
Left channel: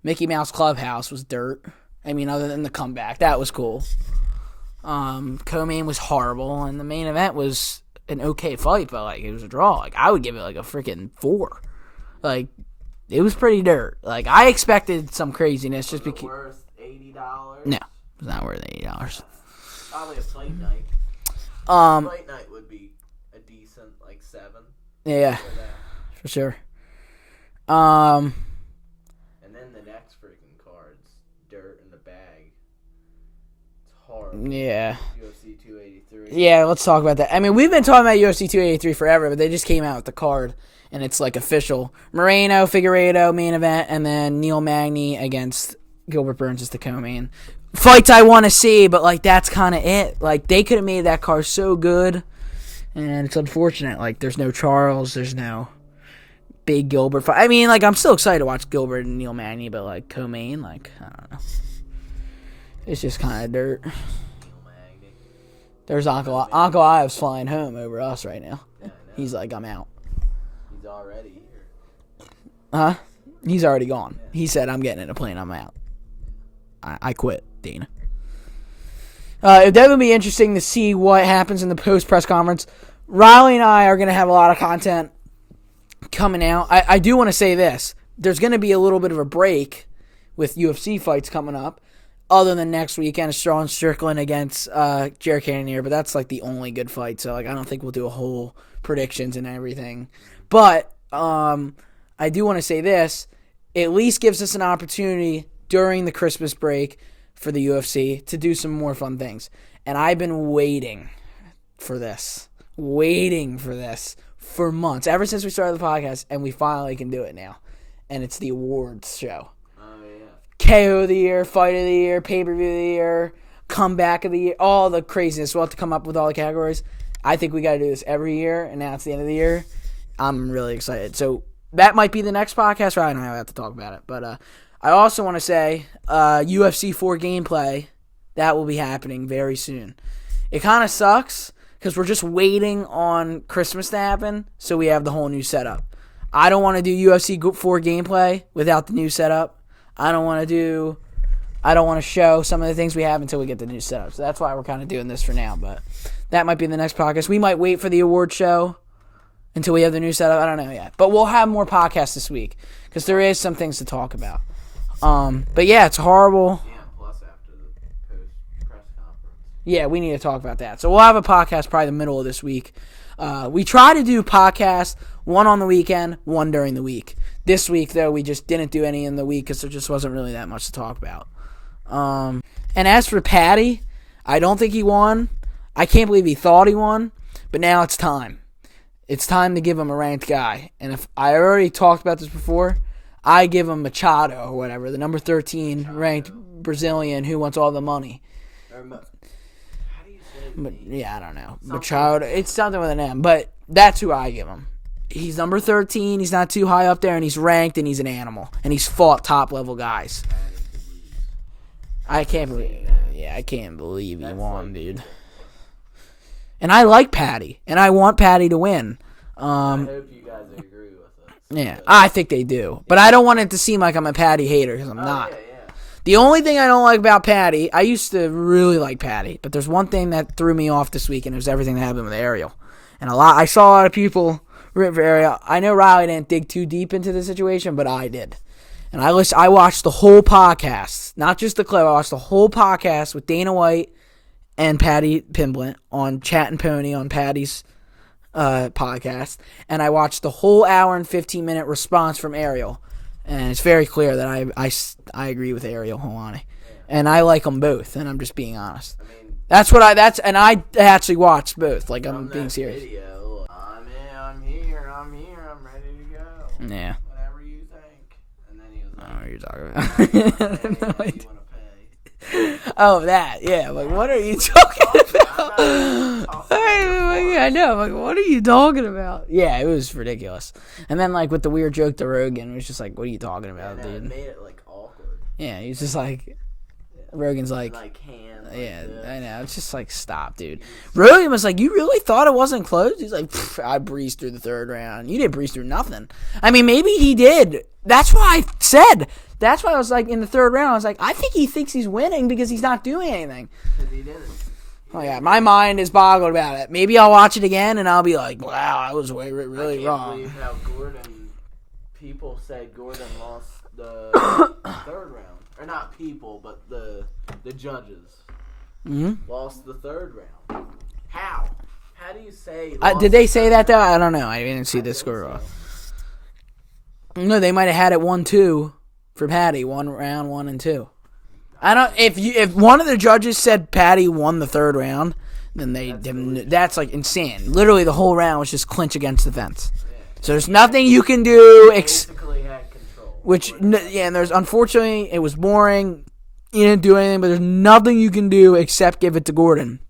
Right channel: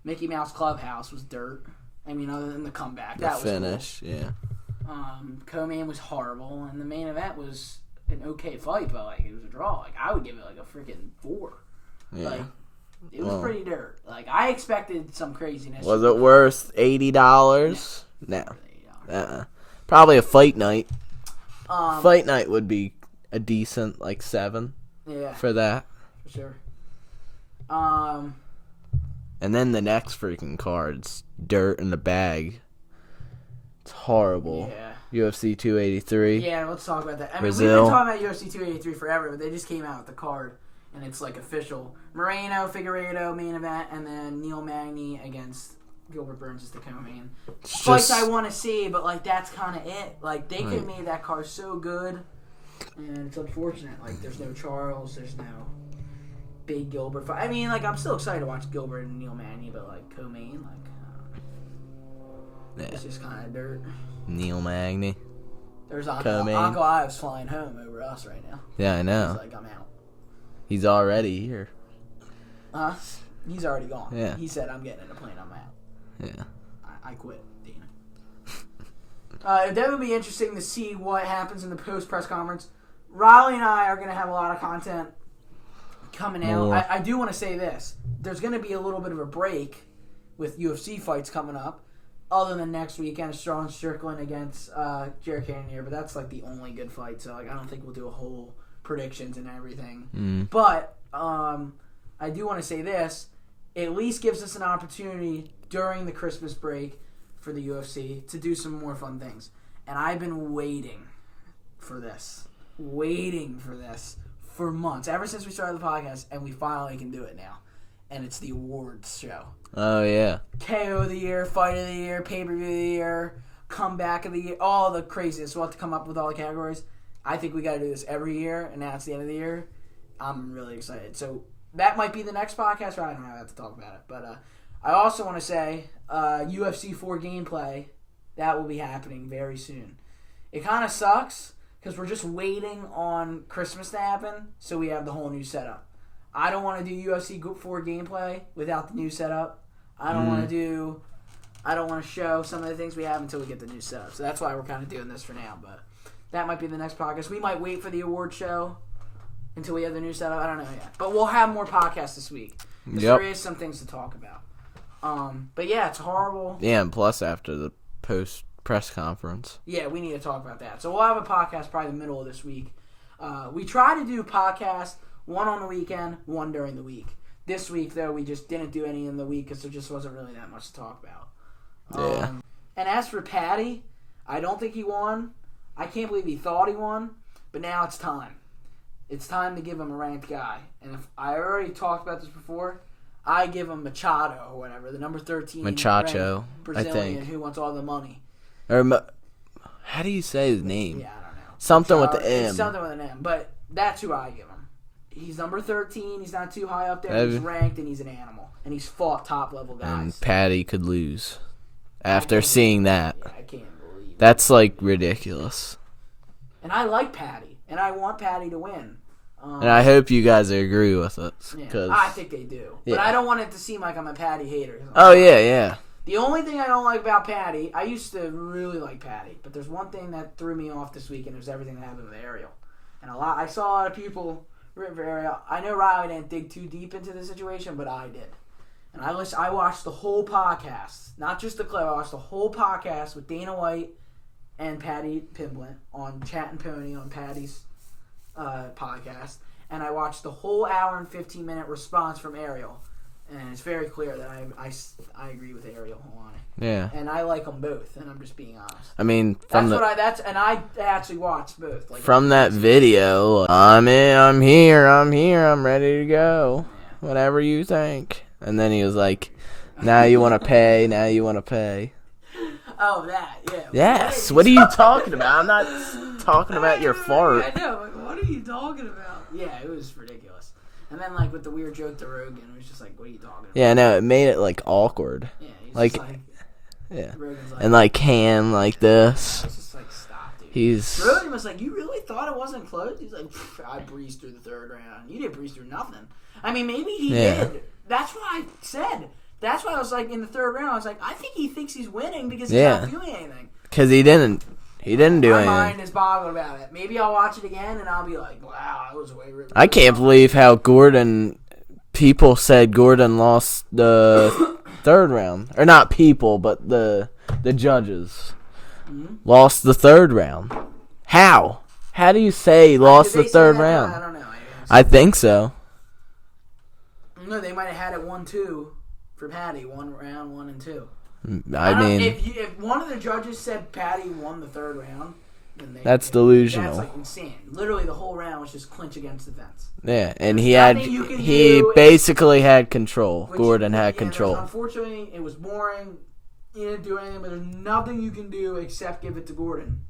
Mickey Mouse Clubhouse was dirt. I mean, other than the comeback. That was finish, cool. Yeah. Co-main was horrible, and the main event was an okay fight, but like it was a draw. Like, I would give it like a freaking 4. Yeah. Like, it was pretty dirt. Like, I expected some craziness. Was it worth $80? No, it was not worth $80. Probably a fight night. Fight night would be a decent, like, 7. Yeah. For that. For sure. And then the next freaking card's dirt in the bag. It's horrible. Yeah. UFC 283. Yeah, let's talk about that. I mean, we've been talking about UFC 283 forever, but they just came out with the card, and it's like official. Moreno, Figueiredo, main event, and then Neil Magny against Gilbert Burns is the co-main. Fights I want to see, but like that's kind of it. Like, they could have made that card so good, and it's unfortunate. Like, there's no Charles, there's no big Gilbert fight. I mean, like, I'm still excited to watch Gilbert and Neil Magny, but like co-main, like, I don't know. It's just kind of dirt. Neil Magny. There's Ankalaev's flying home over us right now. Yeah, I know. He's like, I'm out. He's already here. Huh? He's already gone. Yeah. He said, I'm getting in a plane, I'm out. Yeah. I quit, Dana. It'll definitely be interesting to see what happens in the post-press conference. Riley and I are going to have a lot of content coming out. I do want to say this. There's going to be a little bit of a break with UFC fights coming up. Other than next weekend, Sean Strickland against Jared Cannonier, but that's like the only good fight. So like I don't think we'll do a whole predictions and everything. But I do want to say this: it at least gives us an opportunity during the Christmas break for the UFC to do some more fun things. And I've been waiting for this for months, ever since we started the podcast, and we finally can do it now. And it's the awards show. Oh, yeah. KO of the year, fight of the year, pay-per-view of the year, comeback of the year, all the craziness. We'll have to come up with all the categories. I think we got to do this every year, and now it's the end of the year. I'm really excited. So that might be the next podcast. Ryan and I will have to talk about it. But I also want to say UFC 4 gameplay, that will be happening very soon. It kind of sucks because we're just waiting on Christmas to happen, so we have the whole new setup. I don't want to do UFC 4 gameplay without the new setup. I don't want to show some of the things we have until we get the new setup. So that's why we're kind of doing this for now. But that might be the next podcast. We might wait for the award show until we have the new setup. I don't know yet. But we'll have more podcasts this week because there is some things to talk about. But yeah, it's horrible. Yeah, and plus after the post-press conference. Yeah, we need to talk about that. So we'll have a podcast probably the middle of this week. We try to do podcasts, one on the weekend, one during the week. This week, though, we just didn't do any in the week because there just wasn't really that much to talk about. And as for Paddy, I don't think he won. I can't believe he thought he won, but now it's time. It's time to give him a ranked guy. And if I already talked about this before, I give him Machado or whatever, the number 13 ranked Brazilian who wants all the money. Or how do you say his name? Yeah, I don't know. Something Machado, with an M. It's something with an M, but that's who I give him. He's number 13. He's not too high up there, and he's ranked, and he's an animal. And he's fought top-level guys. Paddy could lose after seeing that. Yeah, I can't believe that's like ridiculous. And I like Paddy, and I want Paddy to win. And I hope you guys agree with it. Yeah, I think they do. But I don't want it to seem like I'm a Paddy hater. Yeah. The only thing I don't like about Paddy, I used to really like Paddy, but there's one thing that threw me off this week, and it was everything that happened with Ariel. And I saw a lot of people rooting for Ariel. I know Riley didn't dig too deep into the situation, but I did. And I watched the whole podcast, not just the clip. I watched the whole podcast with Dana White and Paddy Pimblett on Chat and Pony on Paddy's podcast, and I watched the whole hour and 15-minute response from Ariel, and it's very clear that I agree with Ariel Helwani. Yeah, and I like them both, and I'm just being honest. I mean, and I actually watched both. Like from that video, I'm here, I'm ready to go. Yeah, whatever you think. And then he was like, "Now you want to pay? Now you want to pay?" Oh, that, yeah. Yes. What are you talking about? I'm not even talking about your fart. I know. Like, what are you talking about? Yeah, it was ridiculous. And then, like, with the weird joke to Rogan, it was just like, what are you talking about? Yeah, no, it made it, like, awkward. Yeah, he was just like, Rogan's like. And, like, Cam, like this. I know. It's just like, stop, dude. Rogan was like, you really thought it wasn't close? He's like, I breezed through the third round. You didn't breeze through nothing. I mean, maybe he did. That's why I said. That's why I was like, in the third round, I was like, I think he thinks he's winning because he's not doing anything. Because he didn't do anything. My mind is boggled about it. Maybe I'll watch it again and I'll be like, wow, I was really I can't believe how people said Gordon lost the third round. Or not people, but the judges lost the third round. How? How do you say lost the third round? Did they say that though? I don't know. I think so. No, they might have had it 1-2. For Paddy, 1 round, 1 and 2. I mean, if one of the judges said Paddy won the third round, then that's delusional. That's like insane. Literally, the whole round was just clinch against the fence. Yeah, so there's nothing you can do. He basically had control. Gordon had control. And unfortunately, it was boring. He didn't do anything, but there's nothing you can do except give it to Gordon.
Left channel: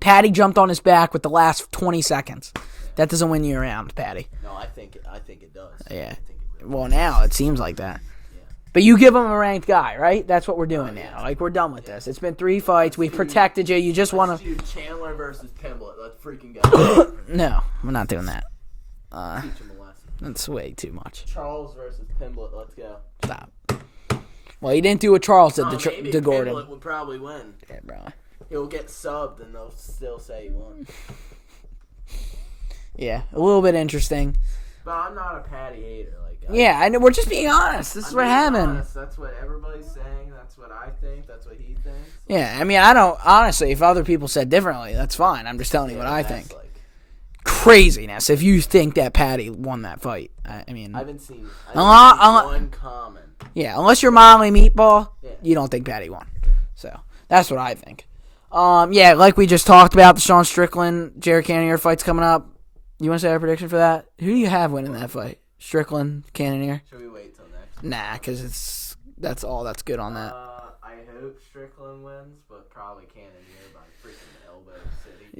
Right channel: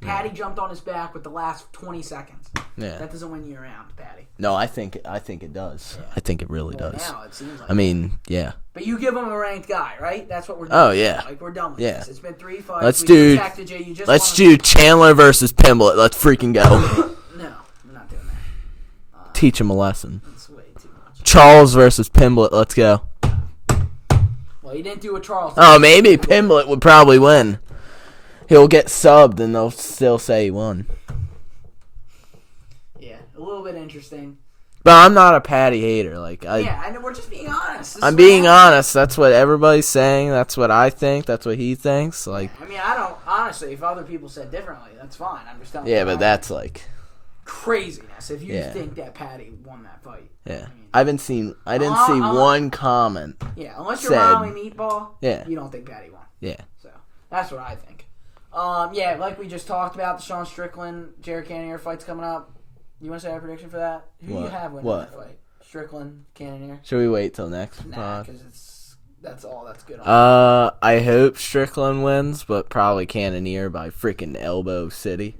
Paddy jumped on his back with the last 20 seconds. Yeah. That doesn't win you around, Paddy. No, I think it does. Yeah. I think it really does. Well, now it seems like I mean, yeah. But you give him a ranked guy, right? That's what we're doing. Oh, yeah. Like, we're done with this. It's been 3 fights. We protected you. You just Let's do Chandler versus Pimblett. Let's freaking go. No, we're not doing that. Teach him a lesson. That's way too much. Charles versus Pimblett. Let's go. Stop. Well, he didn't do a Charles. Oh, maybe Pimblett would probably win. He'll get subbed, and they'll still say he won. Yeah, a little bit interesting. But I'm not a Paddy hater. I know, we're just being honest. I'm being honest. That's what everybody's saying. That's what I think. That's what he thinks. I mean, I don't honestly. If other people said differently, that's fine. I'm just telling you. Yeah, but that's craziness. If you think that Paddy won that fight, I mean, I didn't see one comment. Yeah, unless you're Molly Meatball, you don't think Paddy won. Yeah, so that's what I think. Like we just talked about, the Sean Strickland, Jared Cannonier fight's coming up. You want to say a prediction for that? Who do you have winning that fight? Strickland, Cannonier? Should we wait till next? Nah, because that's all that's good on. I hope Strickland wins, but probably Cannonier by freaking elbow city.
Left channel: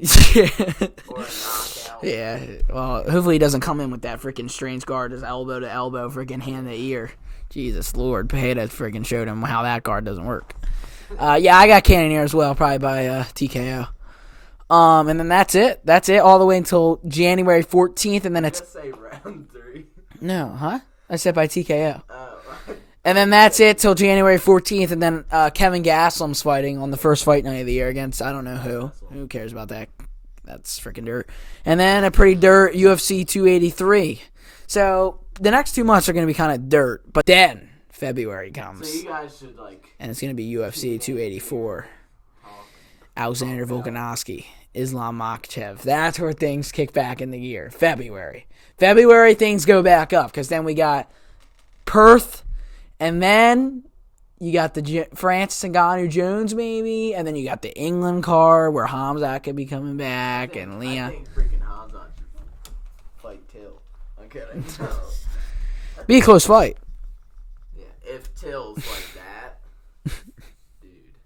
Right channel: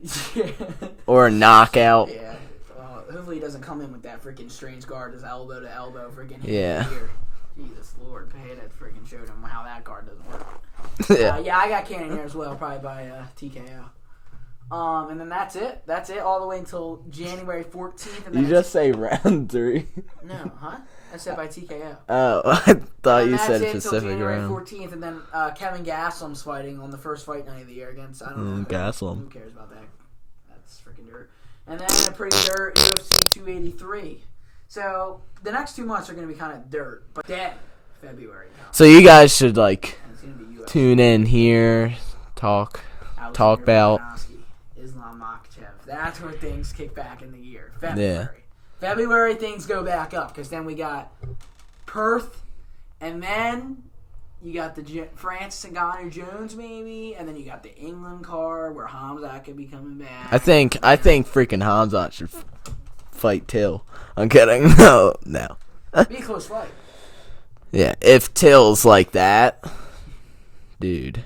Or a knockout. Yeah. Well, hopefully he doesn't come in with that freaking strange guard, his elbow to elbow, freaking hand to ear. Jesus Lord, Pajeda freaking showed him how that guard doesn't work. I got Cannonier as well, probably by TKO. And then that's it. That's it all the way until January 14th. And then just say round 3. No, huh? I said by TKO. Oh. And then that's it till January 14th. And then Kevin Gastelum's fighting on the first fight night of the year against, I don't know who. Gastelum. Who cares about that? That's freaking dirt. And then a pretty dirt UFC 283. So the next 2 months are going to be kind of dirt. But then February comes. So you guys should and it's going to be UFC tune in here, talk Alexander about Volkanovski, Islam Makhachev. That's where things kick back in the year. February. February, things go back up because then we got Perth, and then you got the Francis Ngannou Jones maybe, and then you got the England card where Hamzat could be coming back. I think freaking Hamzat should fight Till. I'm kidding. No. Be a close fight. Yeah, if Till's like that, dude.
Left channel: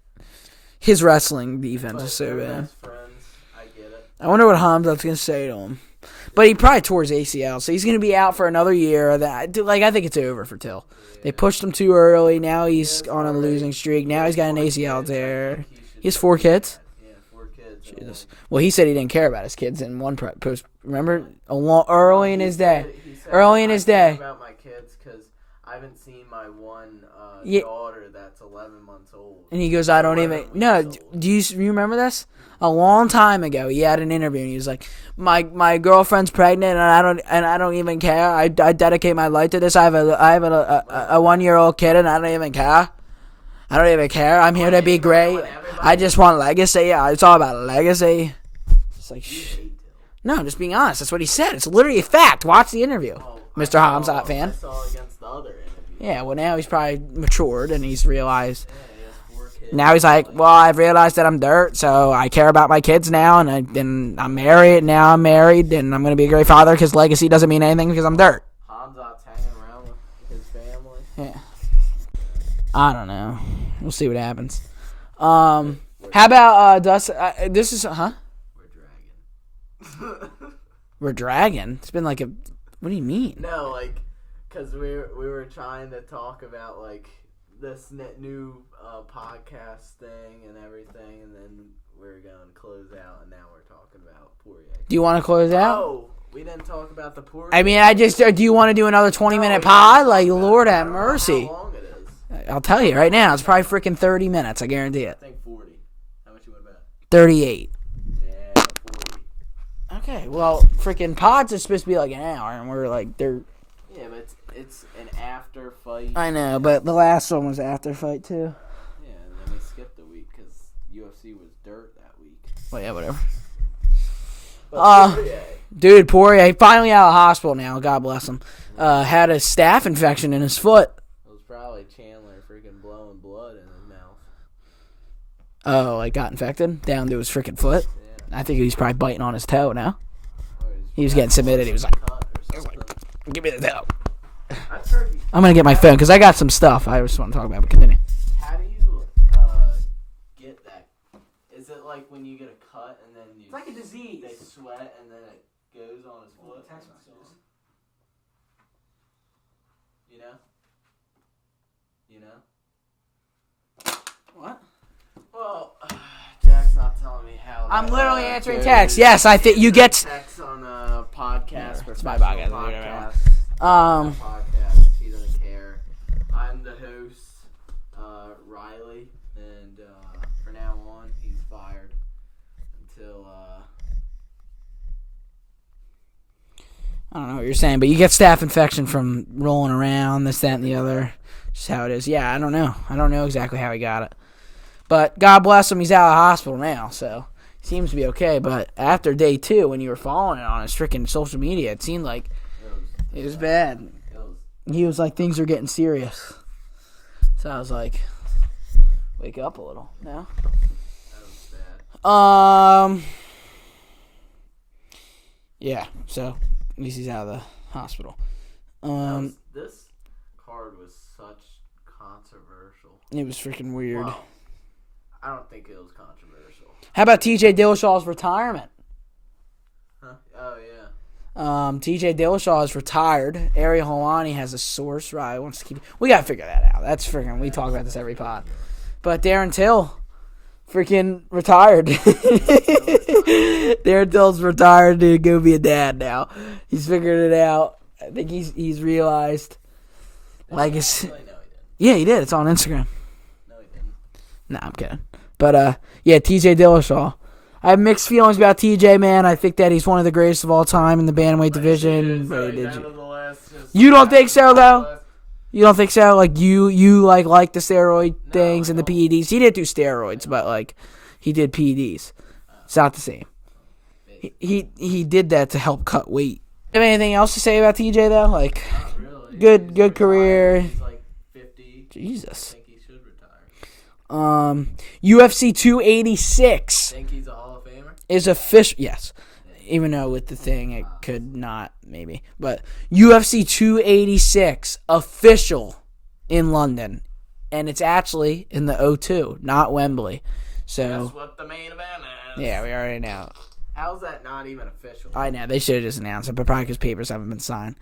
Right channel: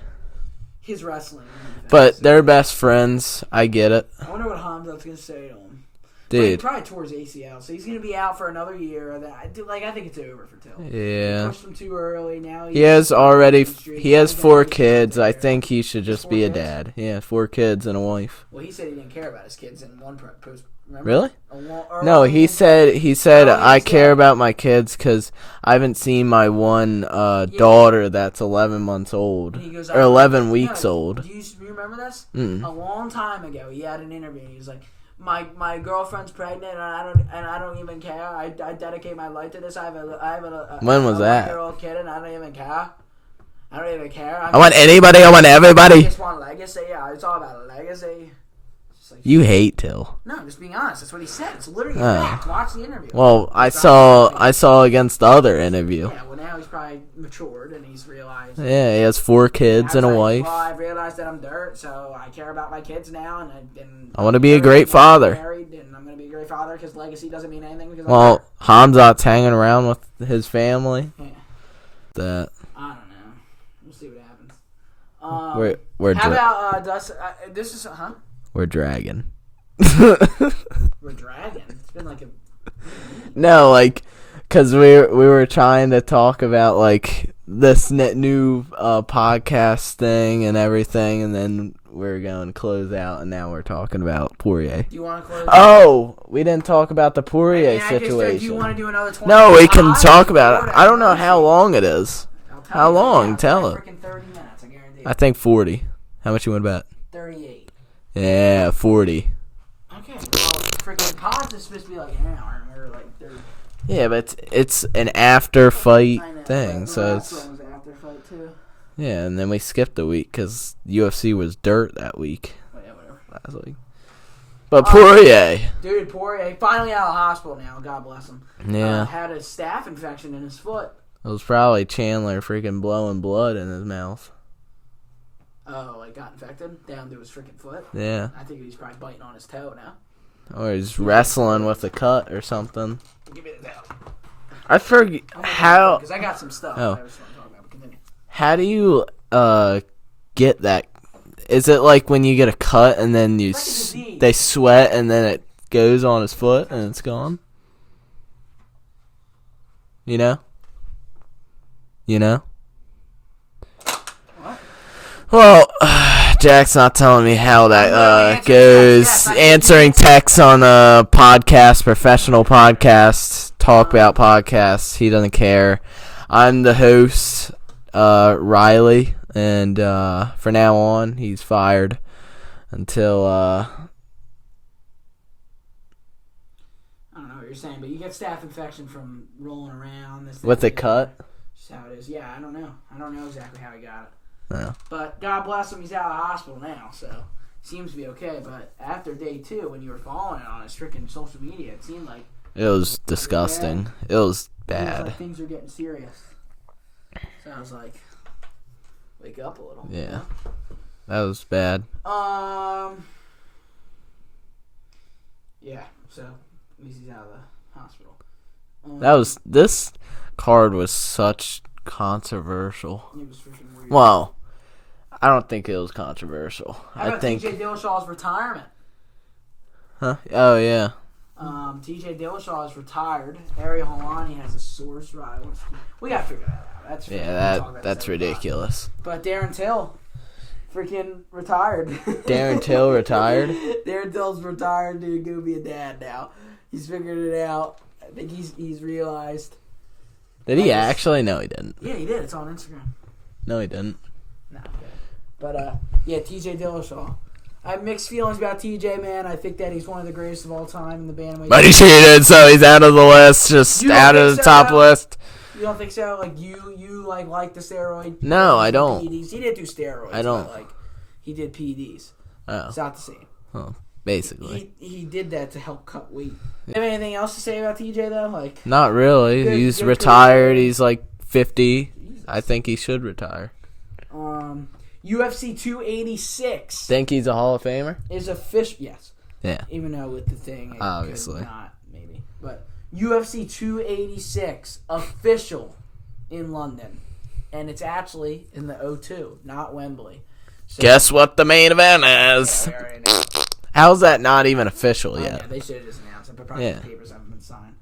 His wrestling defense. But they're best friends. I get it. I wonder what Hamzat's going to say to him. Dude. But he probably tore his ACL, so he's going to be out for another year. I think it's over for Till. Yeah. They pushed him too early. Now he has already. He has 4 kids. There. I think he should just be a dad. Yeah, 4 kids and a wife. Well, he said he didn't care about his kids in one post. Remember? Really? No, he said I care about my kids because I haven't seen my one daughter that's 11 months old. And he goes, 11 weeks old. Do you remember this? Mm. A long time ago, he had an interview and he was like, My girlfriend's pregnant and I don't even care. I dedicate my life to this. I have a 1-year-old kid and I don't even care. I don't even care. I want anybody. I want everybody. I just want legacy. Yeah, it's all about legacy. You hate Till. No, I'm just being honest. That's what he said. It's literally a fact. Watch the interview. Well, I saw against the other interview. Yeah, well, now he's probably matured and he's realized. Yeah, he has 4 kids. Now he's and like, a wife. well, I've realized that I'm dirt, so I care about my kids now, and I want to be a great father. I'm married, and I'm going to be a great father because legacy doesn't mean anything because I'm dirt. Hamzat's hanging around with his family. Yeah. I don't know. We'll see what happens. We're how about Dustin? This is We're dragging. We're dragging. It's been like a. What do you mean? No, because we were trying to talk about this new podcast thing and everything, and then we're going to close out, and now we're talking about Poirier. Do you want to close? Oh, we didn't talk about the Poirier. I mean, do you want to do another 20? No, we can talk about it. I don't know how long it is. I'll tell you right now. It's probably freaking 30 minutes. I guarantee it. I think 40. How much you want to bet? 38. Yeah, 40. Okay, well, freaking pods is supposed to be like an hour, and we're like, they're... Yeah, but it's an after fight. I know, thing, but the last one was after fight too. Yeah, and then we skipped a week because UFC was dirt that week. Well, yeah, whatever. But Poirier, dude, Poirier finally out of the hospital now. God bless him. Yeah. Had a staph infection in his foot. It was probably Chandler freaking blowing blood in his mouth. Oh, got infected down to his freaking foot? Yeah. I think he's probably biting on his toe now. Or he's wrestling with a cut or something. Give me the toe. I forget. I'm going to get my phone because I got some stuff I just want to talk about, but continue. How do you get that? Is it like when you get a cut and then they sweat and then it goes on his foot and it's gone? You know? Well, Jack's not telling me how that goes. Yes, answering texts on a podcast, professional podcast, talk about podcasts. He doesn't care. I'm the host, Riley, and for now on, he's fired until. I don't know what you're saying, but you get staph infection from rolling around, this, that, With and the the other. cut? Just how it is. Yeah, I don't know. I don't know exactly how he got it. No. But God bless him, he's out of the hospital now, so he seems to be okay. But after day 2, when you were following it on his freaking social media, it seemed like It was disgusting. It was bad. he was like, things are getting serious. So I was like, wake up a little. Yeah. You know? That was bad. Yeah, so at least he's out of the hospital. This card was such controversial. It was freaking weird. Well, I don't think it was controversial. How about TJ Dillashaw's retirement? Huh? Oh, yeah. TJ Dillashaw is retired. Ariel Helwani has a source. Right, wants to keep. We gotta figure that out. That's freaking. Yeah, we talk about this that's every pod. ridiculous. But Darren Till, freaking retired. Darren Till retired? Darren Till's retired to go be a dad now. He's figured it out. I think he's realized. Did he actually? No, he didn't. Yeah, he did. It's on Instagram. No, he didn't. Nah, I'm kidding. But yeah, TJ Dillashaw. I have mixed feelings about TJ, man. I think that he's one of the greatest of all time in the bantamweight. But he cheated, so he's out of the list. You don't out think of the so, top though? list. You don't think so? Like you like the steroid No, things I and don't. the PEDs. He didn't do steroids, I don't. but like he did PEDs. Oh, It's not the same. basically. He did that to help cut weight. You have anything else to say about TJ though? Like Not really. He's good retired. career. He's like 50. Jesus. I think he should retire. UFC 286 Think he's a Hall of Famer? is official. Yes. Yeah. Even though with the thing it Obviously. could not maybe, but UFC 286 official in London, and it's actually in the O2, not Wembley. So, Guess what the main event is? Yeah, we already know. How's that not even official I yet? know they should have just announced it, but probably Yeah. because papers haven't been signed.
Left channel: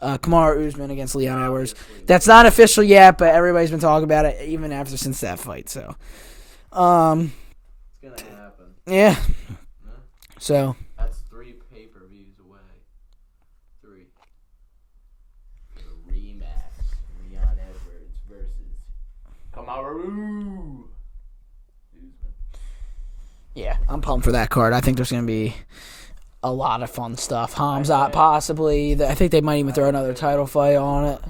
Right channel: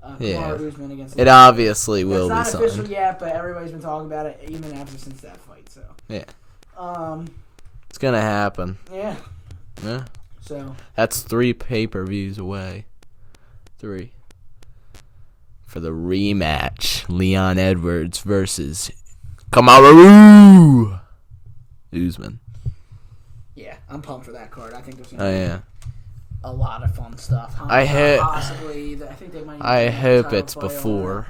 Kamaru Usman against It Leon obviously Edwards. will That's not be official signed. yet, but everybody's been talking about it even after since that fight. So Yeah. It's gonna happen. yeah. Yeah. So That's 3 pay-per-views away. 3. For the rematch. Leon Edwards versus Kamaru Usman. yeah, I'm pumped for that card. I think there's gonna be a lot of fun stuff. Hamzat possibly. I think they might even do I another hope title it's fight on it. before.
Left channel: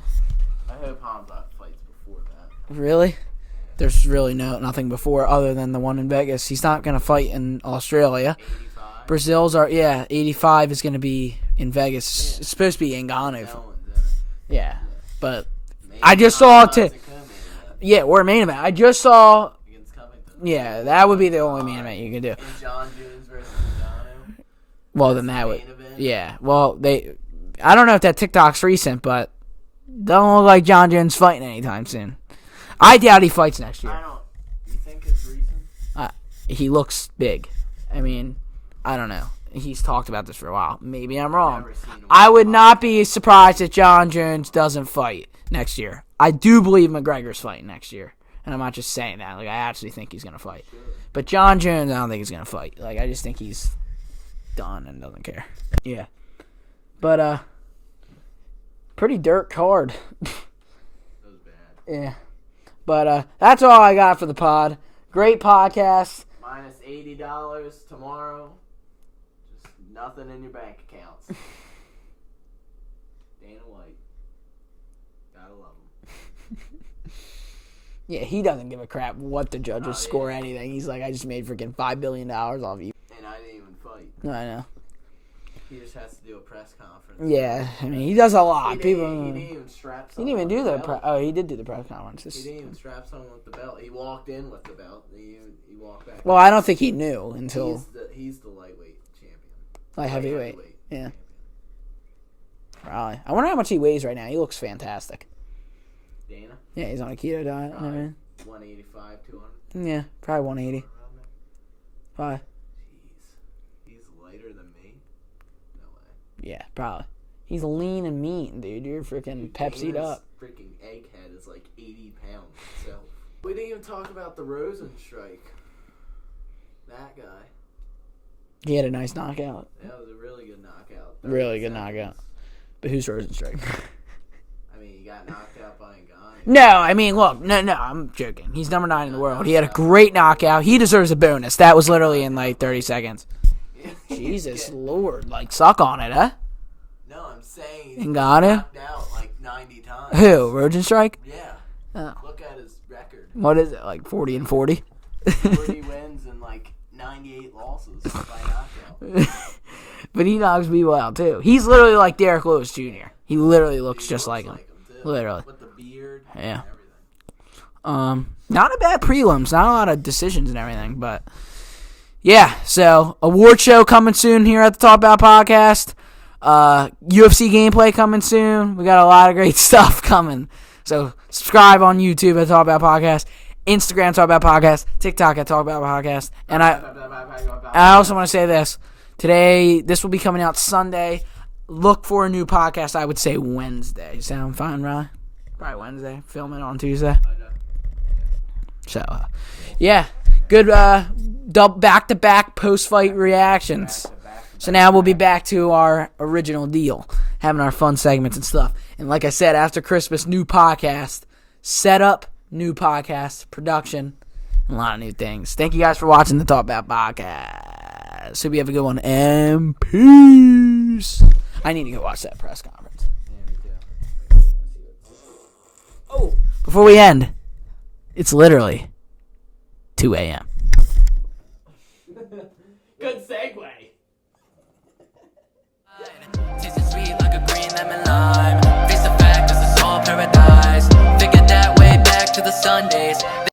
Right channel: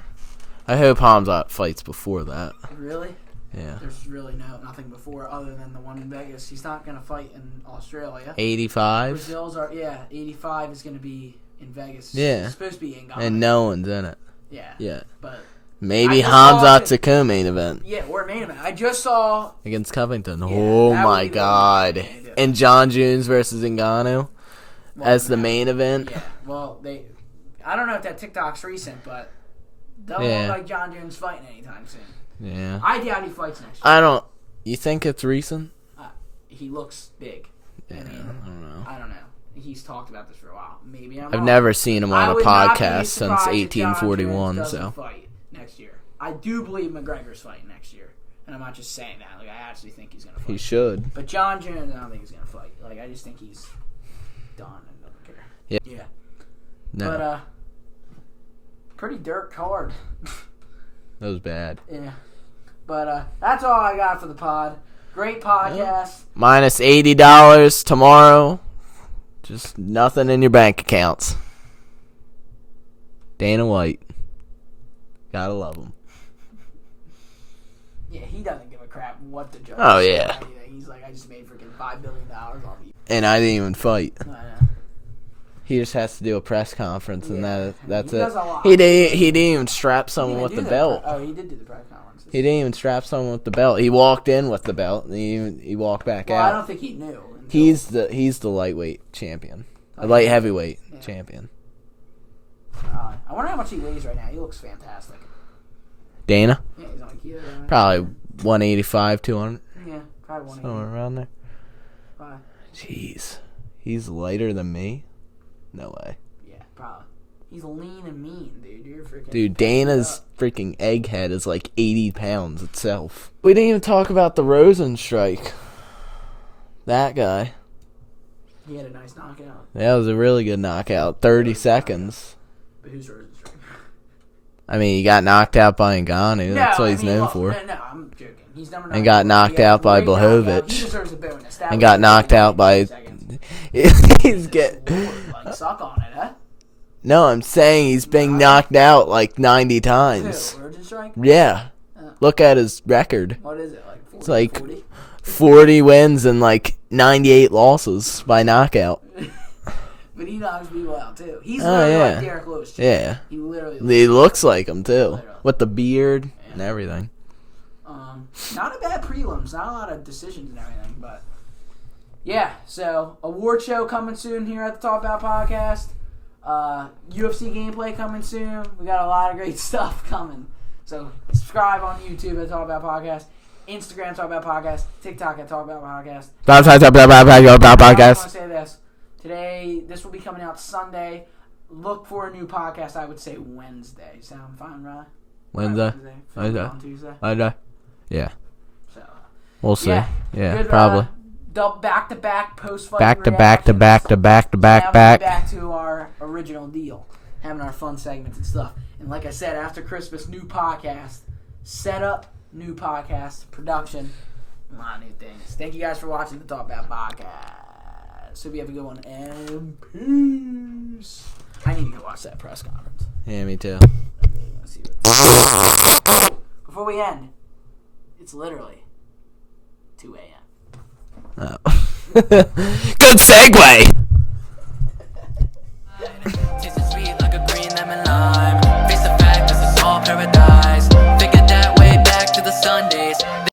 I hope Hamzat fights before that. Really? Yeah. There's really nothing before other than the one in Vegas. He's not gonna fight in Australia. 85. Brazil's 85 is gonna be in Vegas. Yeah. It's supposed to be in Ghana. And no one's in it. Yeah. Yeah. But Maybe I just saw Hamzat's a co-main event yeah, we're a main event. I just saw. against Covington. Yeah, Oh that would my be the only god! main event you can do. And John Jones versus Ngannou as then the that main would- event. Yeah. Well, I don't know if that TikTok's recent, but don't Yeah. look like John Jones fighting anytime soon. Yeah. I doubt he fights next year. I don't. You think it's recent? He looks big. I mean, I don't know. I don't know. He's talked about this for a while. Maybe I'm I've wrong. never seen him. On I a would not be podcast surprised since if John 1841, Jones doesn't so. fight next year. I do believe McGregor's fighting next year, and I'm not just saying that. Like I actually think he's gonna He fight. should. But John Jones, I don't think he's gonna fight. Like I just think he's done and doesn't care. Yeah. No, But pretty dirt card. that was bad. Yeah. But that's all I got for the pod. Great podcast. Minus $80 tomorrow. Just nothing in your bank accounts. Dana White. Gotta love him. Yeah, he doesn't give a crap what the judges Oh, score yeah. or anything. He's like, I just made freaking $5 billion off you. And I didn't even fight. I know. He just has to do a press conference. Yeah, And I mean, that's he it. does a lot. He didn't even strap He someone didn't with even the do belt. he did do the press conferences. He didn't even strap someone with the belt. He walked in with the belt. And he walked back Well, out. I don't think he knew until He's the lightweight champion. The Light light heavyweight yeah. champion. Probably. I wonder how much he weighs right now. He looks fantastic. Dana? Yeah, he's on a keto diet. Probably 185, 200. Yeah, probably 180. Somewhere around there. Probably. Jeez. He's lighter than me? No way. Yeah, probably. He's lean and mean, dude. You're freaking. Dude, Pepsi Dana's up. freaking egghead is like 80 pounds itself. We didn't even talk about the Rosen strike. That guy. He had a nice knockout. That was a really good knockout. 30 Really good seconds. knockout. But who's Rosenstrike? I mean, he got knocked out by Ngannou. No, That's what I he's mean, known look, for. no, I'm joking. He's number 9. He got knocked he had a out by great knockout. Blachowicz. He deserves a bonus. That was got literally knocked in like out by 30 seconds. He's Jesus getting. Lord, like suck on it, huh? No, I'm saying he's been Not knocked out like 90 times. Who? Rosenstrike? Yeah. Oh. Look at his record. What is it, like 40 like and 40? 40 wins and like 98 losses by knockout. But he knocks people out, too. He's literally like yeah. Derek Lewis, Jr. Yeah. He literally looks He just looks like like him, too. Literally. With the beard Yeah. and everything. Not a bad prelims. Not a lot of decisions and everything, but yeah. So award show coming soon here at the Talk About Podcast. UFC gameplay coming soon. We got a lot of great stuff coming. So subscribe on YouTube at Talk About Podcast, Instagram Talk About Podcast, TikTok at Talk About Podcast. I also want to say this. Today, this will be coming out Sunday. Look for a new podcast. I would say Wednesday. Sound fine, Ryan? Wednesday. Film it on Tuesday. Yeah. So, We'll see. yeah. Good back-to-back post-fight reactions. Back So now we'll be back to our original deal, having our fun segments and stuff. And like I said, after Christmas, new podcast, setup, new podcast, production, a lot of new things. Thank you guys for watching the Talk About Podcast. Hope you have a good one, and peace. I need to go watch that press conference. Yeah, me too. Before we end, it's literally 2 a.m. Oh. Good segue.